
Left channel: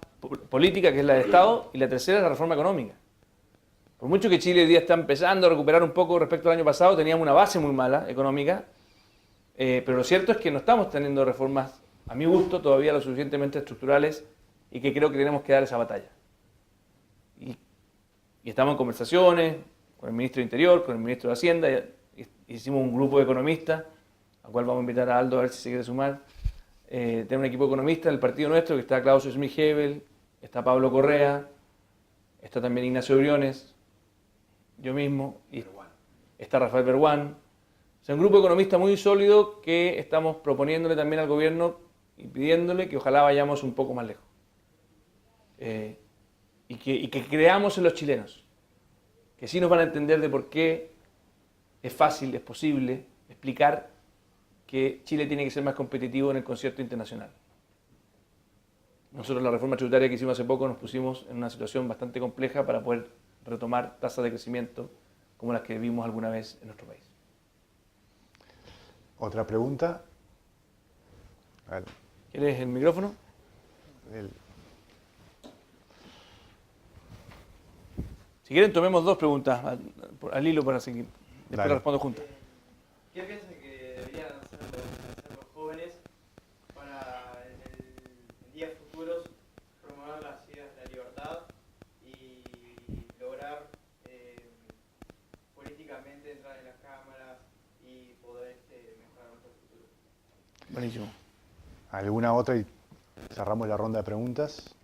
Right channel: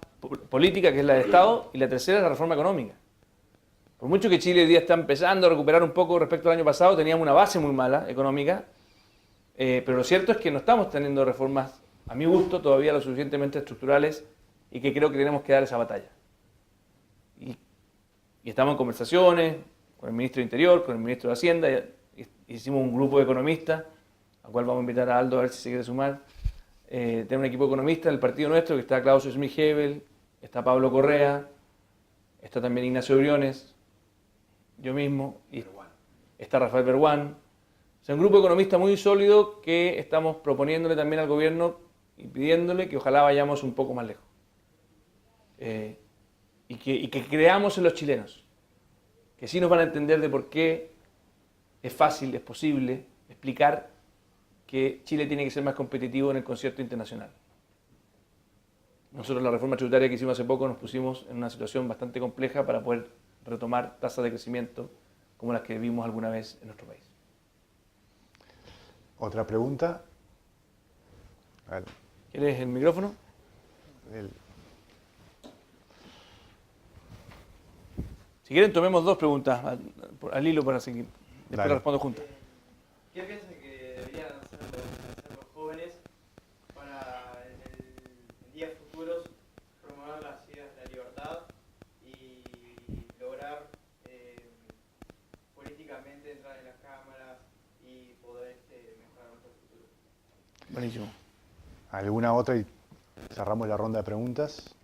política, que es la de Estado, y la tercera es la reforma económica. Por mucho que Chile hoy día está empezando a recuperar un poco respecto al año pasado, teníamos una base muy mala económica, pero lo cierto es que no estamos teniendo reformas, a mi gusto, todavía lo suficientemente estructurales y que creo que tenemos que dar esa batalla. Y estamos en conversaciones con el ministro de Interior, con el ministro de Hacienda, hicimos un grupo de economistas, al cual vamos a invitar a Aldo a ver si se quiere sumar. Tenemos un equipo de economistas del partido nuestro, que está Claudio Smith-Hebel, está Pablo Correa, está también Ignacio Briones, yo mismo, y está Rafael Berguán. O sea, un grupo de economistas muy sólido que estamos proponiéndole también al gobierno y pidiéndole que ojalá vayamos un poco más lejos. Y que creamos en los chilenos, que sí nos van a entender de por qué es fácil, es posible explicar que Chile tiene que ser más competitivo en el concierto internacional. Nosotros la reforma tributaria que hicimos hace poco nos pusimos en una situación bastante compleja para poder retomar tasas de crecimiento como las que vimos alguna vez en nuestro país. ¿Otra pregunta? ¿Quieres el micrófono? Si quieren, tomemos 2 preguntas al hilo para seguir. Después las respondo juntas. ¿Qué piensan que deberían hacer los jóvenes para en días futuros promover las ideas de la libertad y lograr políticamente entrar en las cámaras y poder mejorar nuestro futuro? Buenísimo. ¿Alguna otra y cerramos la ronda de preguntas?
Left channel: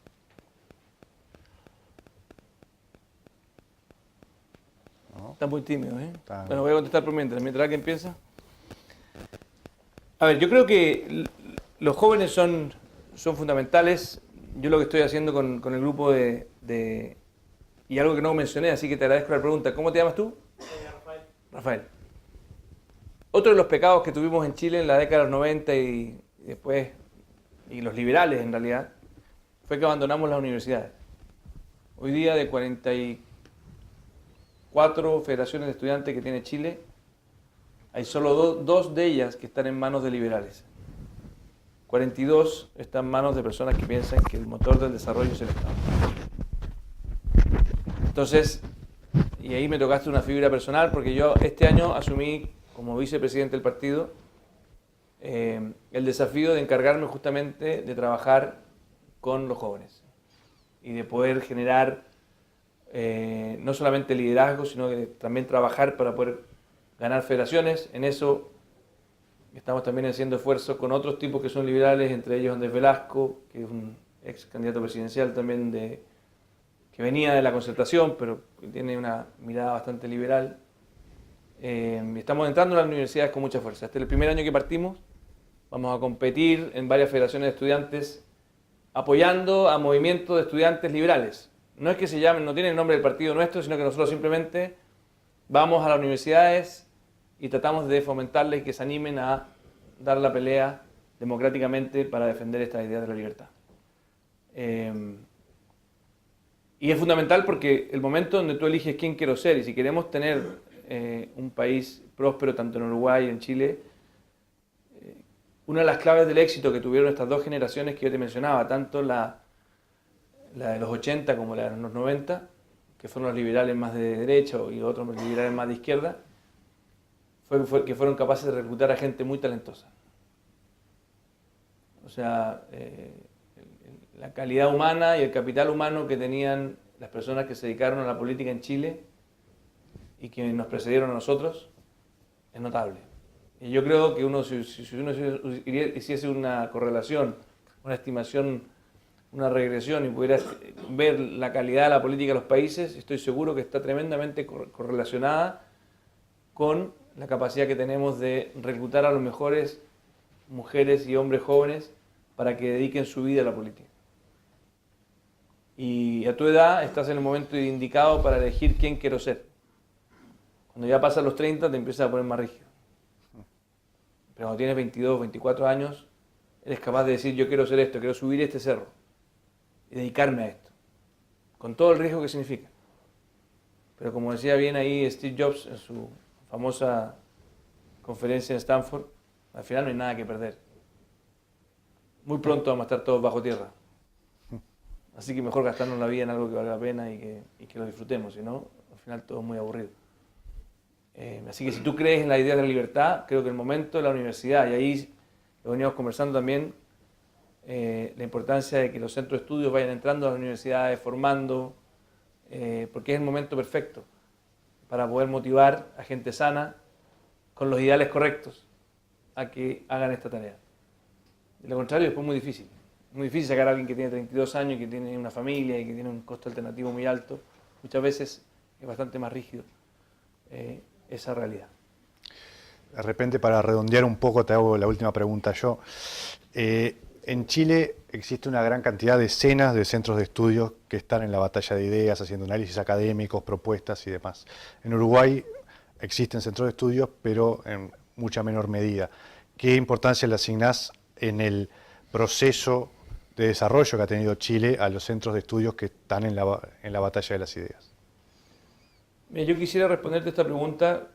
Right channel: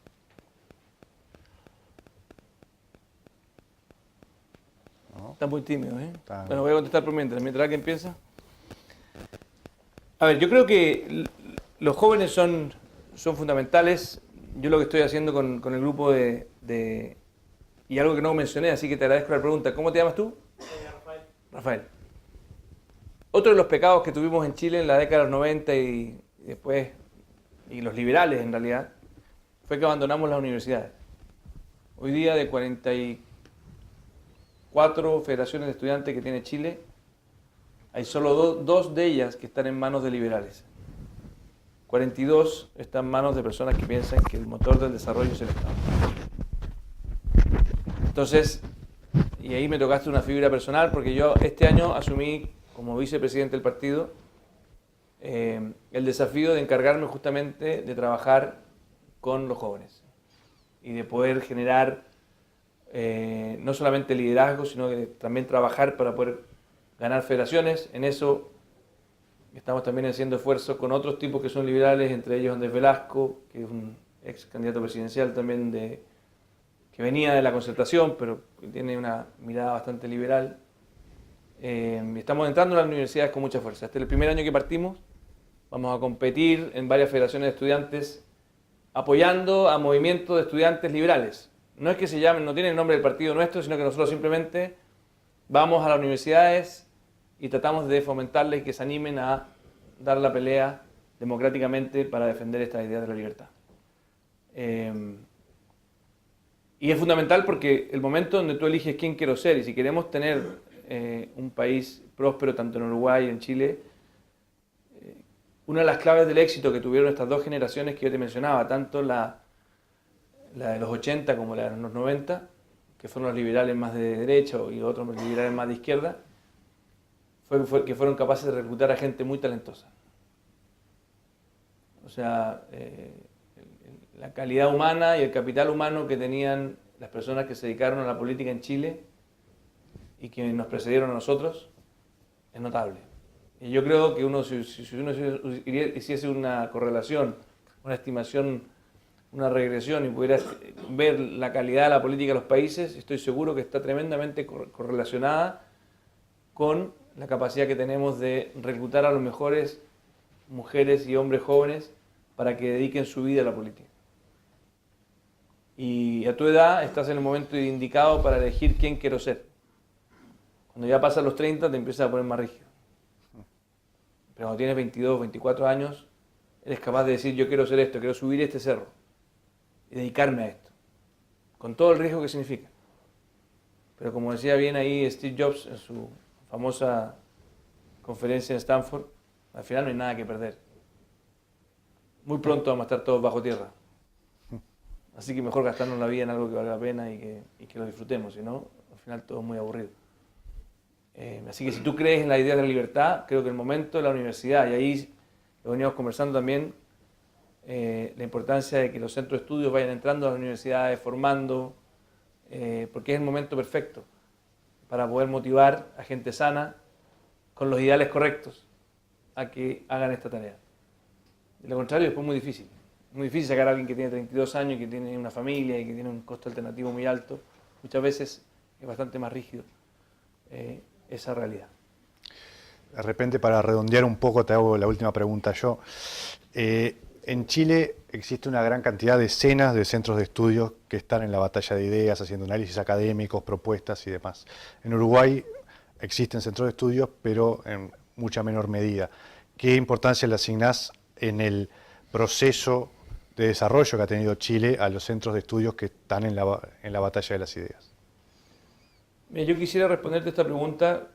Está muy tímido, ¿eh? Está... Bueno, voy a contestar por mientras alguien piensa. A ver, yo creo que los jóvenes son fundamentales. Yo lo que estoy haciendo con el grupo y algo que no mencioné, así que te agradezco la pregunta. ¿Cómo te llamas tú? Rafael. Rafael. Otro de los pecados que tuvimos en Chile en la década de los 90 y después, y los liberales en realidad, fue que abandonamos las universidades. Hoy día de 44 federaciones de estudiantes que tiene Chile, hay solo 2 de ellas que están en manos de liberales. 42 están en manos de personas que piensan que el motor del desarrollo es el Estado. Entonces, y ahí me tocaste una fibra personal, porque yo este año asumí como vicepresidente del partido el desafío de encargarme justamente de trabajar con los jóvenes y de poder generar no solamente liderazgo, sino que también trabajar para poder ganar federaciones. En eso estamos también haciendo esfuerzos con otros tipos que son liberales, entre ellos Andrés Velasco, que es un ex candidato presidencial también que venía de la Concertación, pero que tiene una mirada bastante liberal. Estamos entrando en las universidades con mucha fuerza. Este es el primer año que partimos. Vamos a competir en varias federaciones de estudiantes apoyando a movimientos de estudiantes liberales. No es que se llamen, no tienen el nombre del partido nuestro, sino que nosotros simplemente vamos a las universidades y tratamos de fomentarles que se animen a dar la pelea democráticamente para defender estas ideas de la libertad. Y es fundamental porque el momento donde tú eliges quién quiero ser, y si queremos tener un país próspero tanto en Uruguay y en Chile, una de las claves del éxito que tuvieron estas dos generaciones que yo te mencionaba, tanto la de los 80 como la de los 90, que fueron los liberales más de derecha y otros liberales más de izquierda, fue que fueron capaces de reclutar a gente muy talentosa. O sea, la calidad humana y el capital humano que tenían las personas que se dedicaron a la política en Chile y que nos precedieron a nosotros es notable. Y yo creo que si uno hiciese una correlación, una estimación, una regresión y pudiera ver la calidad de la política de los países, estoy seguro que está tremendamente correlacionada con la capacidad que tenemos de reclutar a los mejores mujeres y hombres jóvenes para que dediquen su vida a la política. Y a tu edad estás en el momento indicado para elegir quién quiero ser. Cuando ya pasan los 30 te empiezas a poner más rígido. Pero cuando tienes 22, 24 años, eres capaz de decir yo quiero ser esto, quiero subir este cerro y dedicarme a esto, con todo el riesgo que significa. Pero como decía bien ahí Steve Jobs en su famosa conferencia en Stanford, al final no hay nada que perder. Muy pronto vamos a estar todos bajo tierra. Así que mejor gastarnos la vida en algo que valga la pena y que lo disfrutemos, si no, al final todo es muy aburrido. Así que si tú crees en la idea de la libertad, creo que el momento de la universidad, y ahí lo veníamos conversando también, la importancia de que los centros de estudios vayan entrando a las universidades, formando, porque es el momento perfecto para poder motivar a gente sana, con los ideales correctos, a que hagan esta tarea. De lo contrario, después es muy difícil. Muy difícil sacar a alguien que tiene 32 años, que tiene una familia y que tiene un costo alternativo muy alto. Muchas veces es bastante más rígido esa realidad. De repente, para redondear un poco, te hago la última pregunta yo. En Chile existe una gran cantidad de decenas de centros de estudios que están en la batalla de ideas, haciendo análisis académicos, propuestas y demás. En Uruguay existen centros de estudios, pero en mucha menor medida. ¿Qué importancia le asignás en el proceso de desarrollo que ha tenido Chile a los centros de estudios que están en la batalla de las ideas? Mira, yo quisiera responderte esta pregunta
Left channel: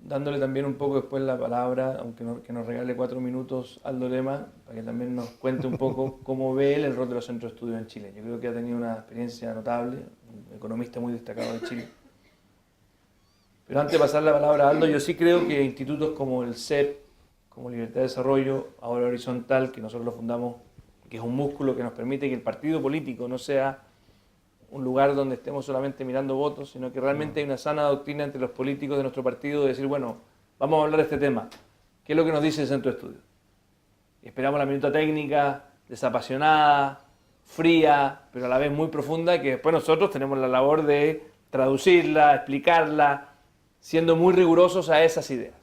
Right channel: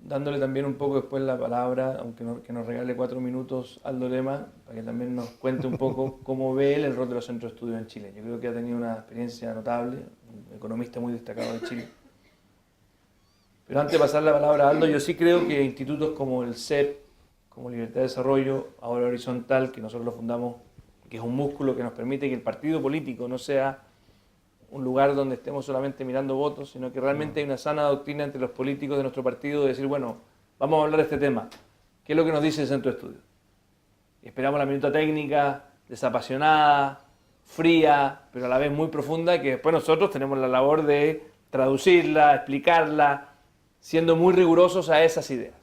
dándole también un poco después la palabra, aunque que nos regale 4 minutos, Aldo Lema, para que también nos cuente un poco cómo ve él el rol de los centros de estudios en Chile. Yo creo que ha tenido una experiencia notable, un economista muy destacado de Chile. Pero antes de pasar la palabra a Aldo, yo sí creo que institutos como el CEP, como Libertad de Desarrollo, ahora Horizontal, que nosotros lo fundamos, que es un músculo que nos permite que el partido político no sea un lugar donde estemos solamente mirando votos, sino que realmente hay una sana doctrina entre los políticos de nuestro partido de decir, bueno, vamos a hablar de este tema. ¿Qué es lo que nos dice el centro de estudio? Y esperamos la minuta técnica, desapasionada, fría, pero a la vez muy profunda, que después nosotros tenemos la labor de traducirla, explicarla, siendo muy rigurosos a esas ideas.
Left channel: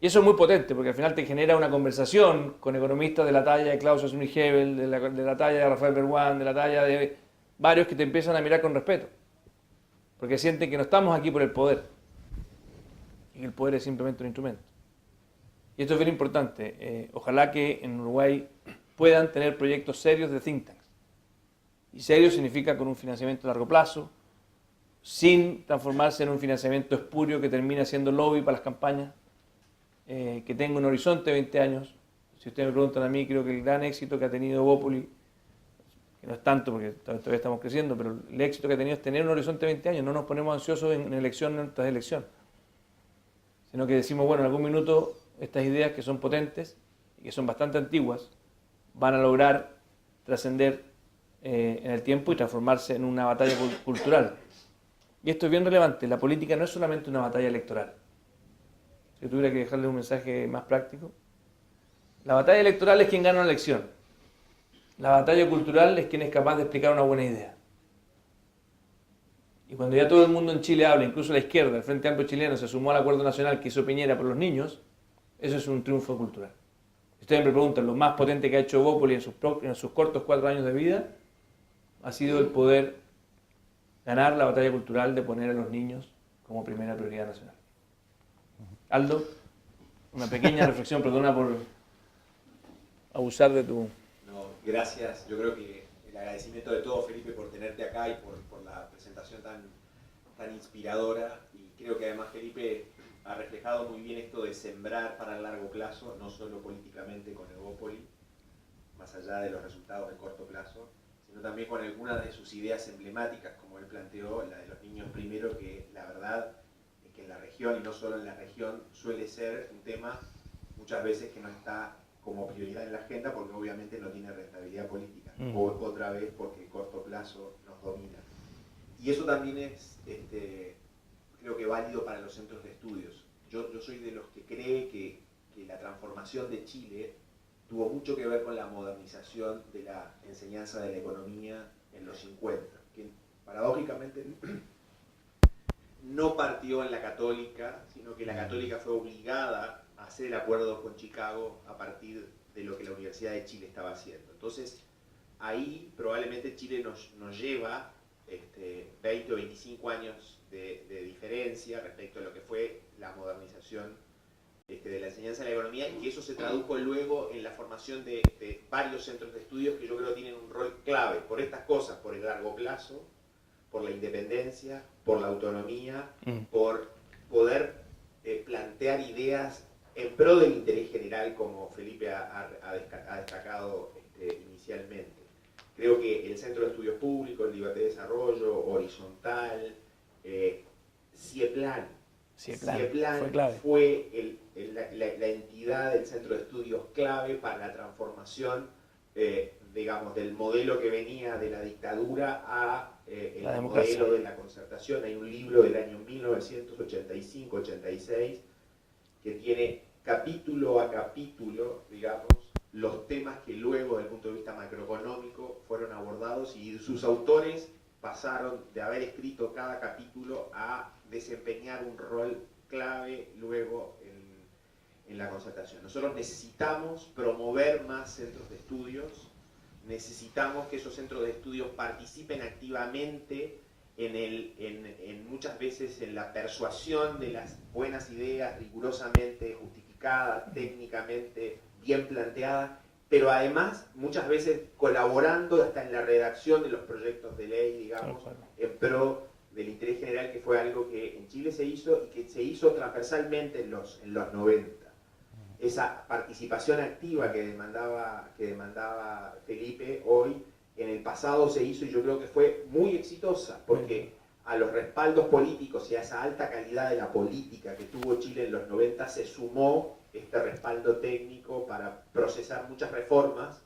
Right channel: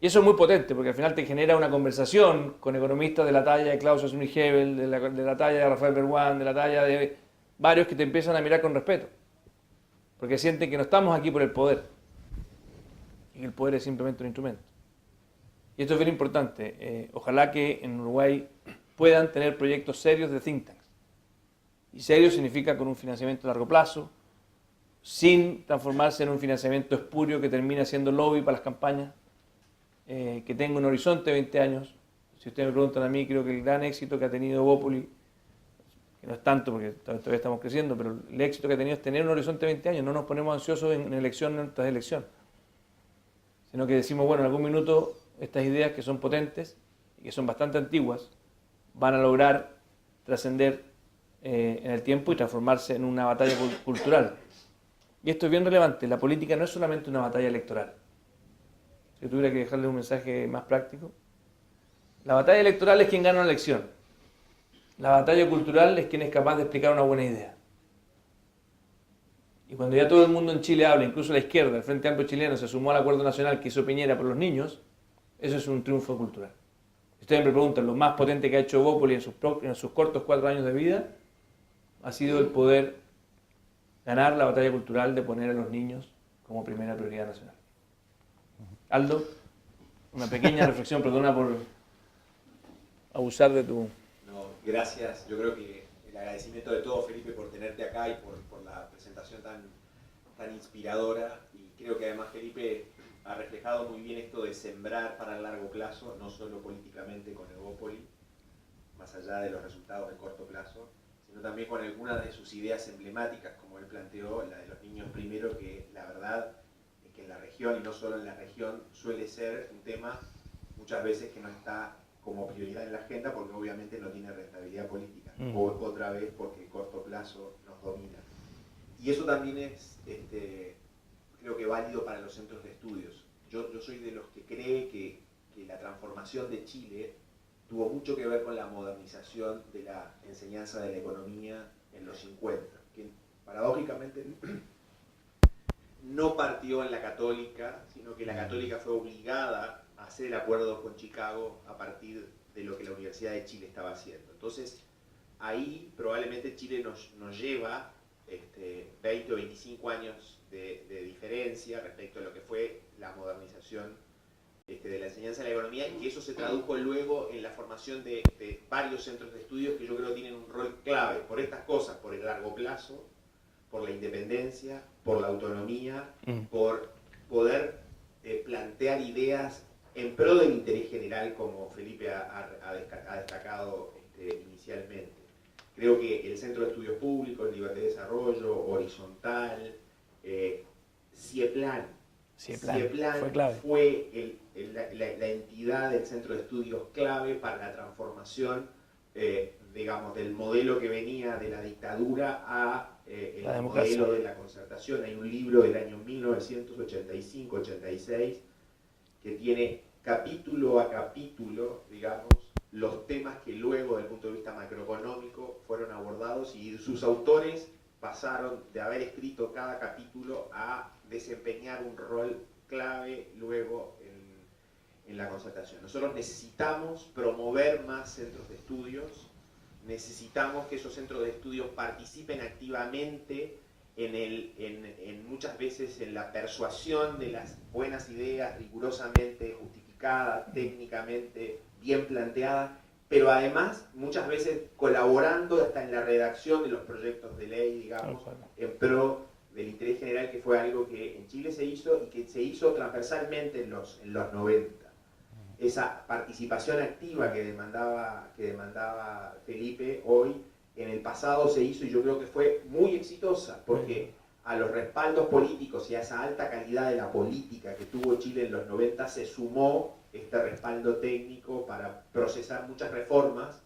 Y eso es muy potente, porque al final te genera una conversación con economistas de la talla de Klaus Schwab-Hebel, de la talla de Rafael Berwan, de la talla de varios que te empiezan a mirar con respeto, porque sienten que no estamos aquí por el poder, y que el poder es simplemente un instrumento. Y esto es bien importante. Ojalá que en Uruguay puedan tener proyectos serios de think tanks. Y serio significa con un financiamiento a largo plazo, sin transformarse en un financiamiento espurio que termina siendo lobby para las campañas, que tenga un horizonte de 20 años. Si ustedes me preguntan a mí, creo que el gran éxito que ha tenido Bópoli, que no es tanto porque todavía estamos creciendo, pero el éxito que ha tenido es tener un horizonte de 20 años. No nos ponemos ansiosos en elección tras elección, sino que decimos, bueno, en algún minuto estas ideas que son potentes y que son bastante antiguas van a lograr trascender en el tiempo y transformarse en una batalla cultural. Y esto es bien relevante. La política no es solamente una batalla electoral. Si tuviera que dejarle un mensaje más práctico, la batalla electoral es quien gana una elección. La batalla cultural es quien es capaz de explicar una buena idea. Y cuando ya todo el mundo en Chile habla, incluso la izquierda, el Frente Amplio Chileno, se sumó al acuerdo nacional que hizo Piñera por los niños, eso es un triunfo cultural. Ustedes me preguntan, lo más potente que ha hecho Bópoli en sus cortos 4 años de vida ha sido el poder ganar la batalla cultural de poner a los niños como primera prioridad nacional. Aldo, una pequeña reflexión, perdona por abusar de tu... No, Gracias. Yo creo que el agradecimiento de todo, Felipe, por tenerte acá y por la presentación tan inspiradora. Y creo que además Felipe ha reflejado muy bien esto de sembrar para el largo plazo, no solo políticamente con Evópoli, más allá de los resultados de corto plazo, sino también con algunas de sus ideas emblemáticas, como él planteó, la de los niños primero, que la verdad es que en la región, y no solo en la región, suele ser un tema muchas veces que no está como prioridad en la agenda, porque obviamente no tiene rentabilidad política, o otra vez porque el corto plazo nos domina. Y eso también es, creo que válido para los centros de estudios. Yo soy de los que cree que la transformación de Chile tuvo mucho que ver con la modernización de la enseñanza de la economía en los 50, que paradójicamente no partió en la Católica, sino que la Católica fue obligada a hacer el acuerdo con Chicago a partir de lo que la Universidad de Chile estaba haciendo. Entonces, ahí probablemente Chile nos lleva 20 o 25 años de diferencia respecto a lo que fue la modernización de la enseñanza de la economía, y que eso se tradujo luego en la formación de varios centros de estudios que yo creo tienen un rol clave por estas cosas, por el largo plazo, por la independencia, por la autonomía, por poder plantear ideas en pro del interés general, como Felipe ha destacado inicialmente. Creo que el Centro de Estudios Públicos, Libertad y Desarrollo, Horizontal, CIEPLAN fue la entidad del Centro de Estudios clave para la transformación, digamos, del modelo que venía de la dictadura a el modelo de la concertación. Hay un libro del año 1985-86 que tiene capítulo a capítulo, digamos, los temas que luego, desde el punto de vista macroeconómico, fueron abordados, y sus autores pasaron de haber escrito cada capítulo a desempeñar un rol clave luego en la concertación. Nosotros necesitamos promover más centros de estudios, necesitamos que esos centros de estudios participen activamente muchas veces en la persuasión de las buenas ideas rigurosamente justificadas, técnicamente bien planteadas, pero además muchas veces colaborando hasta en la redacción de los proyectos de ley, digamos, en pro del interés general, que fue algo que en Chile se hizo y que se hizo transversalmente en los 90. Esa participación activa que demandaba Felipe hoy, en el pasado se hizo, y yo creo que fue muy exitosa, porque a los respaldos políticos y a esa alta calidad de la política que tuvo Chile en los 90 se sumó este respaldo técnico para procesar muchas reformas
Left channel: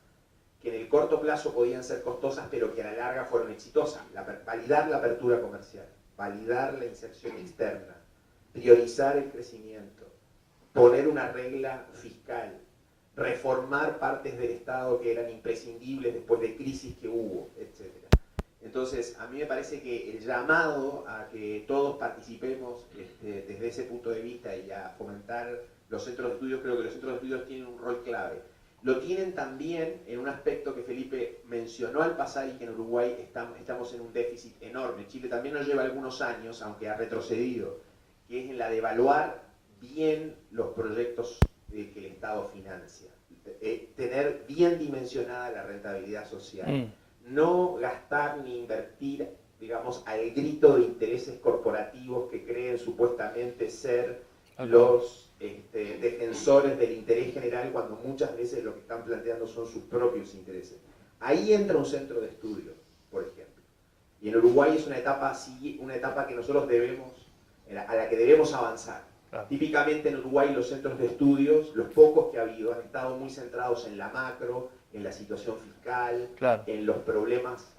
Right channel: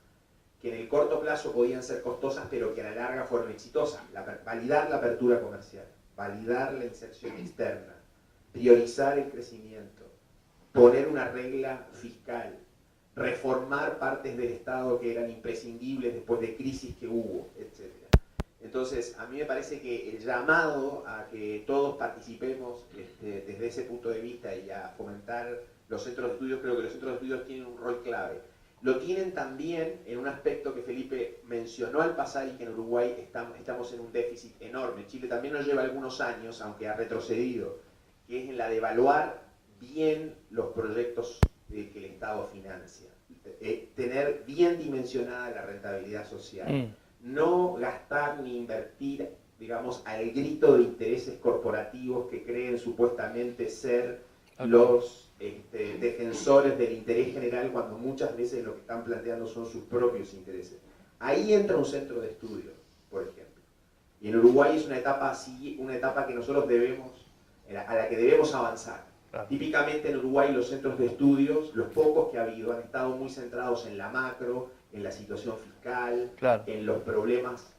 que en el corto plazo podían ser costosas, pero que a la larga fueron exitosas. Validar la apertura comercial, validar la inserción externa, priorizar el crecimiento, poner una regla fiscal, reformar partes del Estado que eran imprescindibles después de crisis que hubo, etc. Entonces, a mí me parece que el llamado a que todos participemos desde ese punto de vista y a fomentar los centros de estudios, creo que los centros de estudios tienen un rol clave. Lo tienen también en un aspecto que Felipe mencionó al pasar, y que en Uruguay estamos en un déficit enorme. Chile también nos lleva algunos años, aunque ha retrocedido, que es en la de evaluar bien los proyectos que el Estado financia. Tener bien dimensionada la rentabilidad social. No gastar ni invertir, digamos, al grito de intereses corporativos que creen supuestamente ser los defensores del interés general, cuando muchas veces lo que están planteando son sus propios intereses. Ahí entra un centro de estudio, por ejemplo. Y en Uruguay es una etapa así, una etapa que nosotros a la que debemos avanzar. Típicamente en Uruguay los centros de estudios, los pocos que ha habido, han estado muy centrados en la macro, en la situación fiscal, en los problemas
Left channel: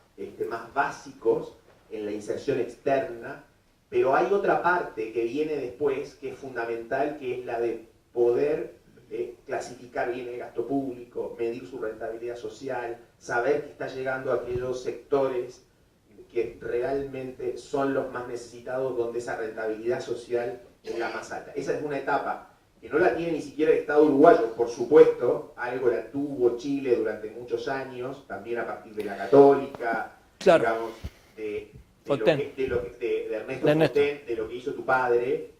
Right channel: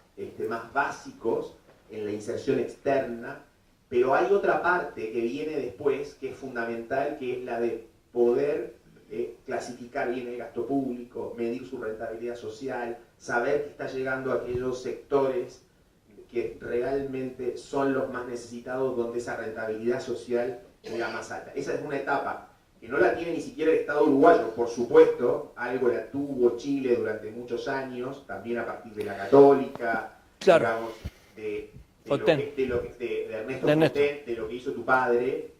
más básicos, en la inserción externa, pero hay otra parte que viene después, que es fundamental, que es la de poder clasificar bien el gasto público, medir su rentabilidad social, saber que está llegando a aquellos sectores que realmente son los más necesitados, donde esa rentabilidad social es la más alta. Esa es una etapa que no la tiene ni siquiera el Estado uruguayo, por supuesto, algo la tuvo Chile durante muchos años, también a partir de la Católica, digamos, de Ernesto Fontaine, de lo que hizo tu padre.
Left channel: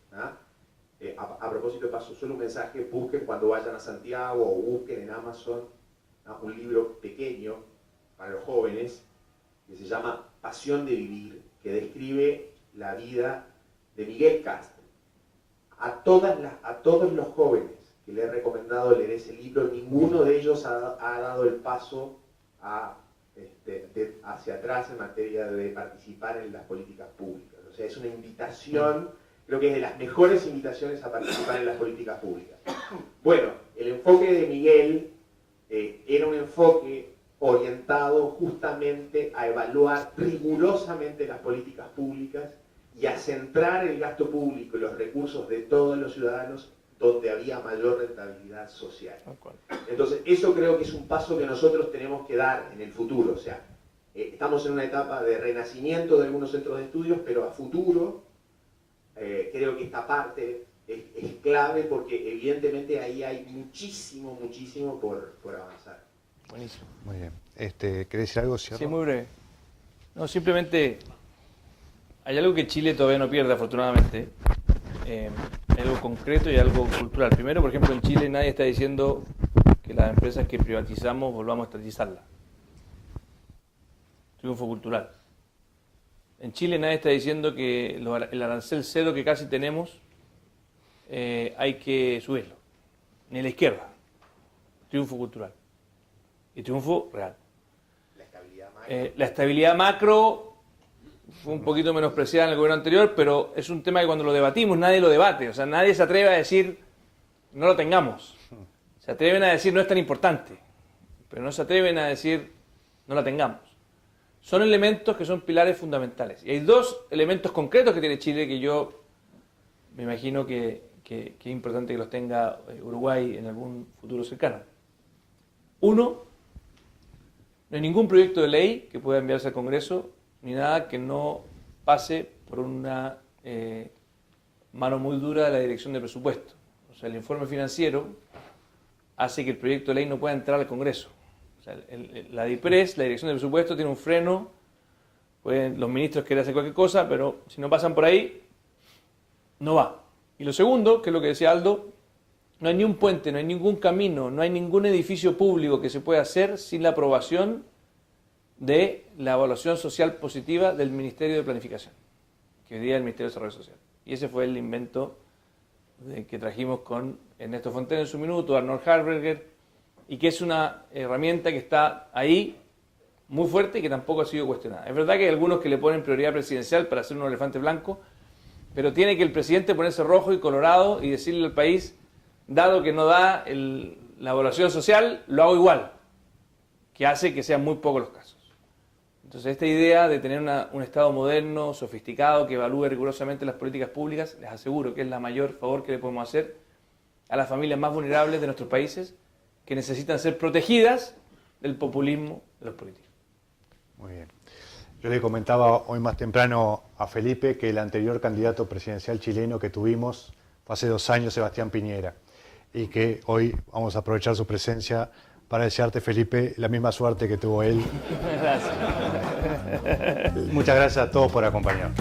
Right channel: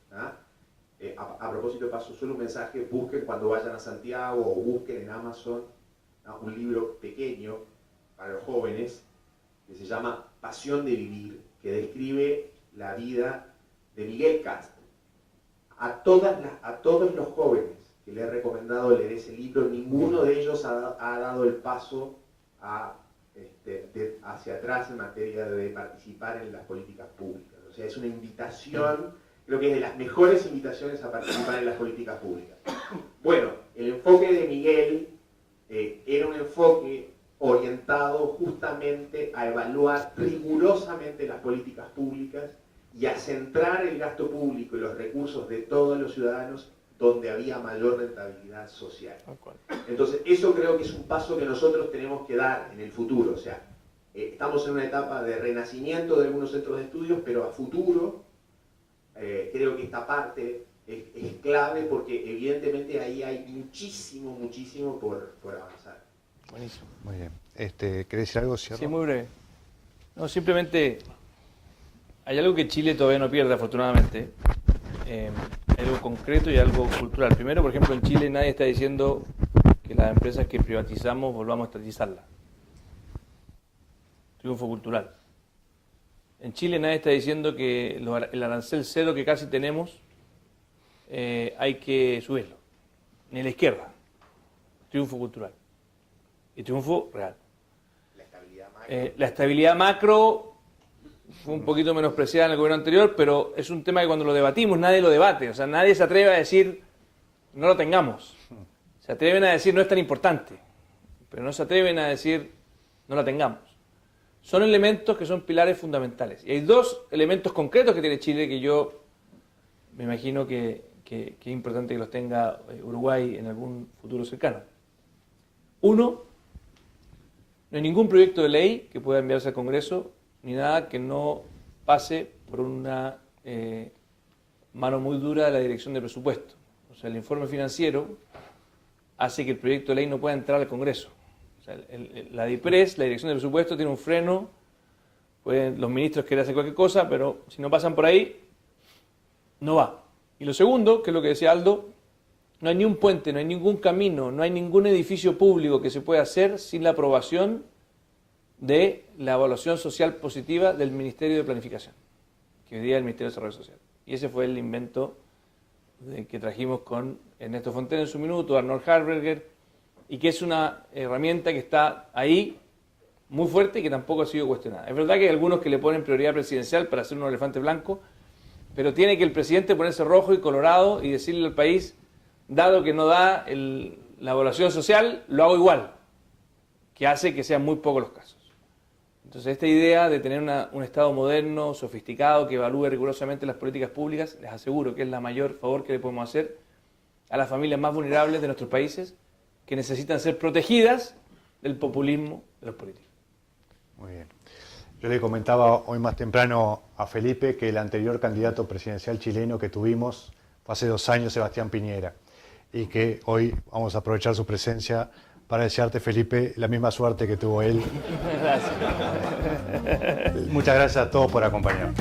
A propósito, paso solo un mensaje: busquen cuando vayan a Santiago, o busquen en Amazon un libro pequeño para los jóvenes que se llama Pasión de Vivir, que describe la vida de Miguel Castro. A todos los jóvenes que le he recomendado leer ese libro, ninguno de ellos ha dado el paso hacia atrás en materia de participar en las políticas públicas. O sea, es una invitación, creo que es de las mejores invitaciones a participar en las políticas públicas. Bueno, el enfoque de Miguel era un enfoque orientado justamente a evaluar rigurosamente las políticas públicas y a centrar el gasto público y los recursos de todos los ciudadanos donde había mayor rentabilidad social. Entonces, eso creo que es un paso que nosotros tenemos que dar en el futuro. O sea, estamos en una etapa de renacimiento de algunos centros de estudios, pero a futuro creo que esta parte es clave porque evidentemente ahí hay muchísimo por avanzar. Buenísimo. Muy bien. ¿Querés decir algo, Cierro? Sí, muy breve. No, simplemente hay algo que Chile todavía no pierde, afortunadamente. Hay algo concreto y algo cultural. Primero, por ejemplo, en Chile nadie está diciendo que las empresas que privatizamos volvamos a estatizarlas. Triunfo cultural. En Chile nadie está diciendo que el arancel cero que casi tenemos hay que subirlo. Ni la izquierda. Triunfo cultural. Y triunfo real. La estabilidad macro fue un poquito menospreciada en el gobierno anterior, pero es un tema que cuando lo debatimos nadie lo debate. O sea, nadie se atreve a decir no lo tengamos. Se atreven a decir no es tan importante, pero no se atreven a decir no la tengamos. Son elementos que son pilares fundamentales. Y hay dos elementos concretos que tiene Chile que yo me imagino que es importante que los tenga Uruguay en algún futuro cercano. Uno, no hay ningún proyecto de ley que pueda enviarse al Congreso, ni nada que no pase por una mano muy dura de la Dirección de Presupuesto. O sea, el informe financiero hace que el proyecto de ley no pueda entrar al Congreso. O sea, la DIPRES, la Dirección de Presupuesto, tiene un freno. Pueden los ministros querer hacer cualquier cosa, pero si no pasan por ahí, no va. Y lo segundo, que es lo que decía Aldo, no hay ni un puente, no hay ningún camino, no hay ningún edificio público que se pueda hacer sin la aprobación de la evaluación social positiva del Ministerio de Planificación, que hoy día es el Ministerio de Desarrollo Social. Y ese fue el invento que trajimos con Ernesto Fontaine en su minuto, Arnold Harberger, y que es una herramienta que está ahí muy fuerte y que tampoco ha sido cuestionada. Es verdad que hay algunos que le ponen prioridad presidencial para hacer un elefante blanco, pero tiene que el presidente ponerse rojo y colorado y decirle al país, dado que no da la evaluación social, lo hago igual, que hace que sean muy pocos los casos. Entonces, esta idea de tener un Estado moderno, sofisticado, que evalúe rigurosamente las políticas públicas, les aseguro que es la mayor favor que le podemos hacer a las familias más vulnerables de nuestros países, que necesitan ser protegidas del populismo de los políticos. Muy bien. Yo le comentaba hoy más temprano a Felipe que el anterior candidato presidencial chileno que tuvimos fue hace 2 años, Sebastián Piñera, y que hoy vamos a aprovechar su presencia para desearte, Felipe, la misma suerte que tuvo él. Gracias. Muchas gracias a todos por acompañarnos.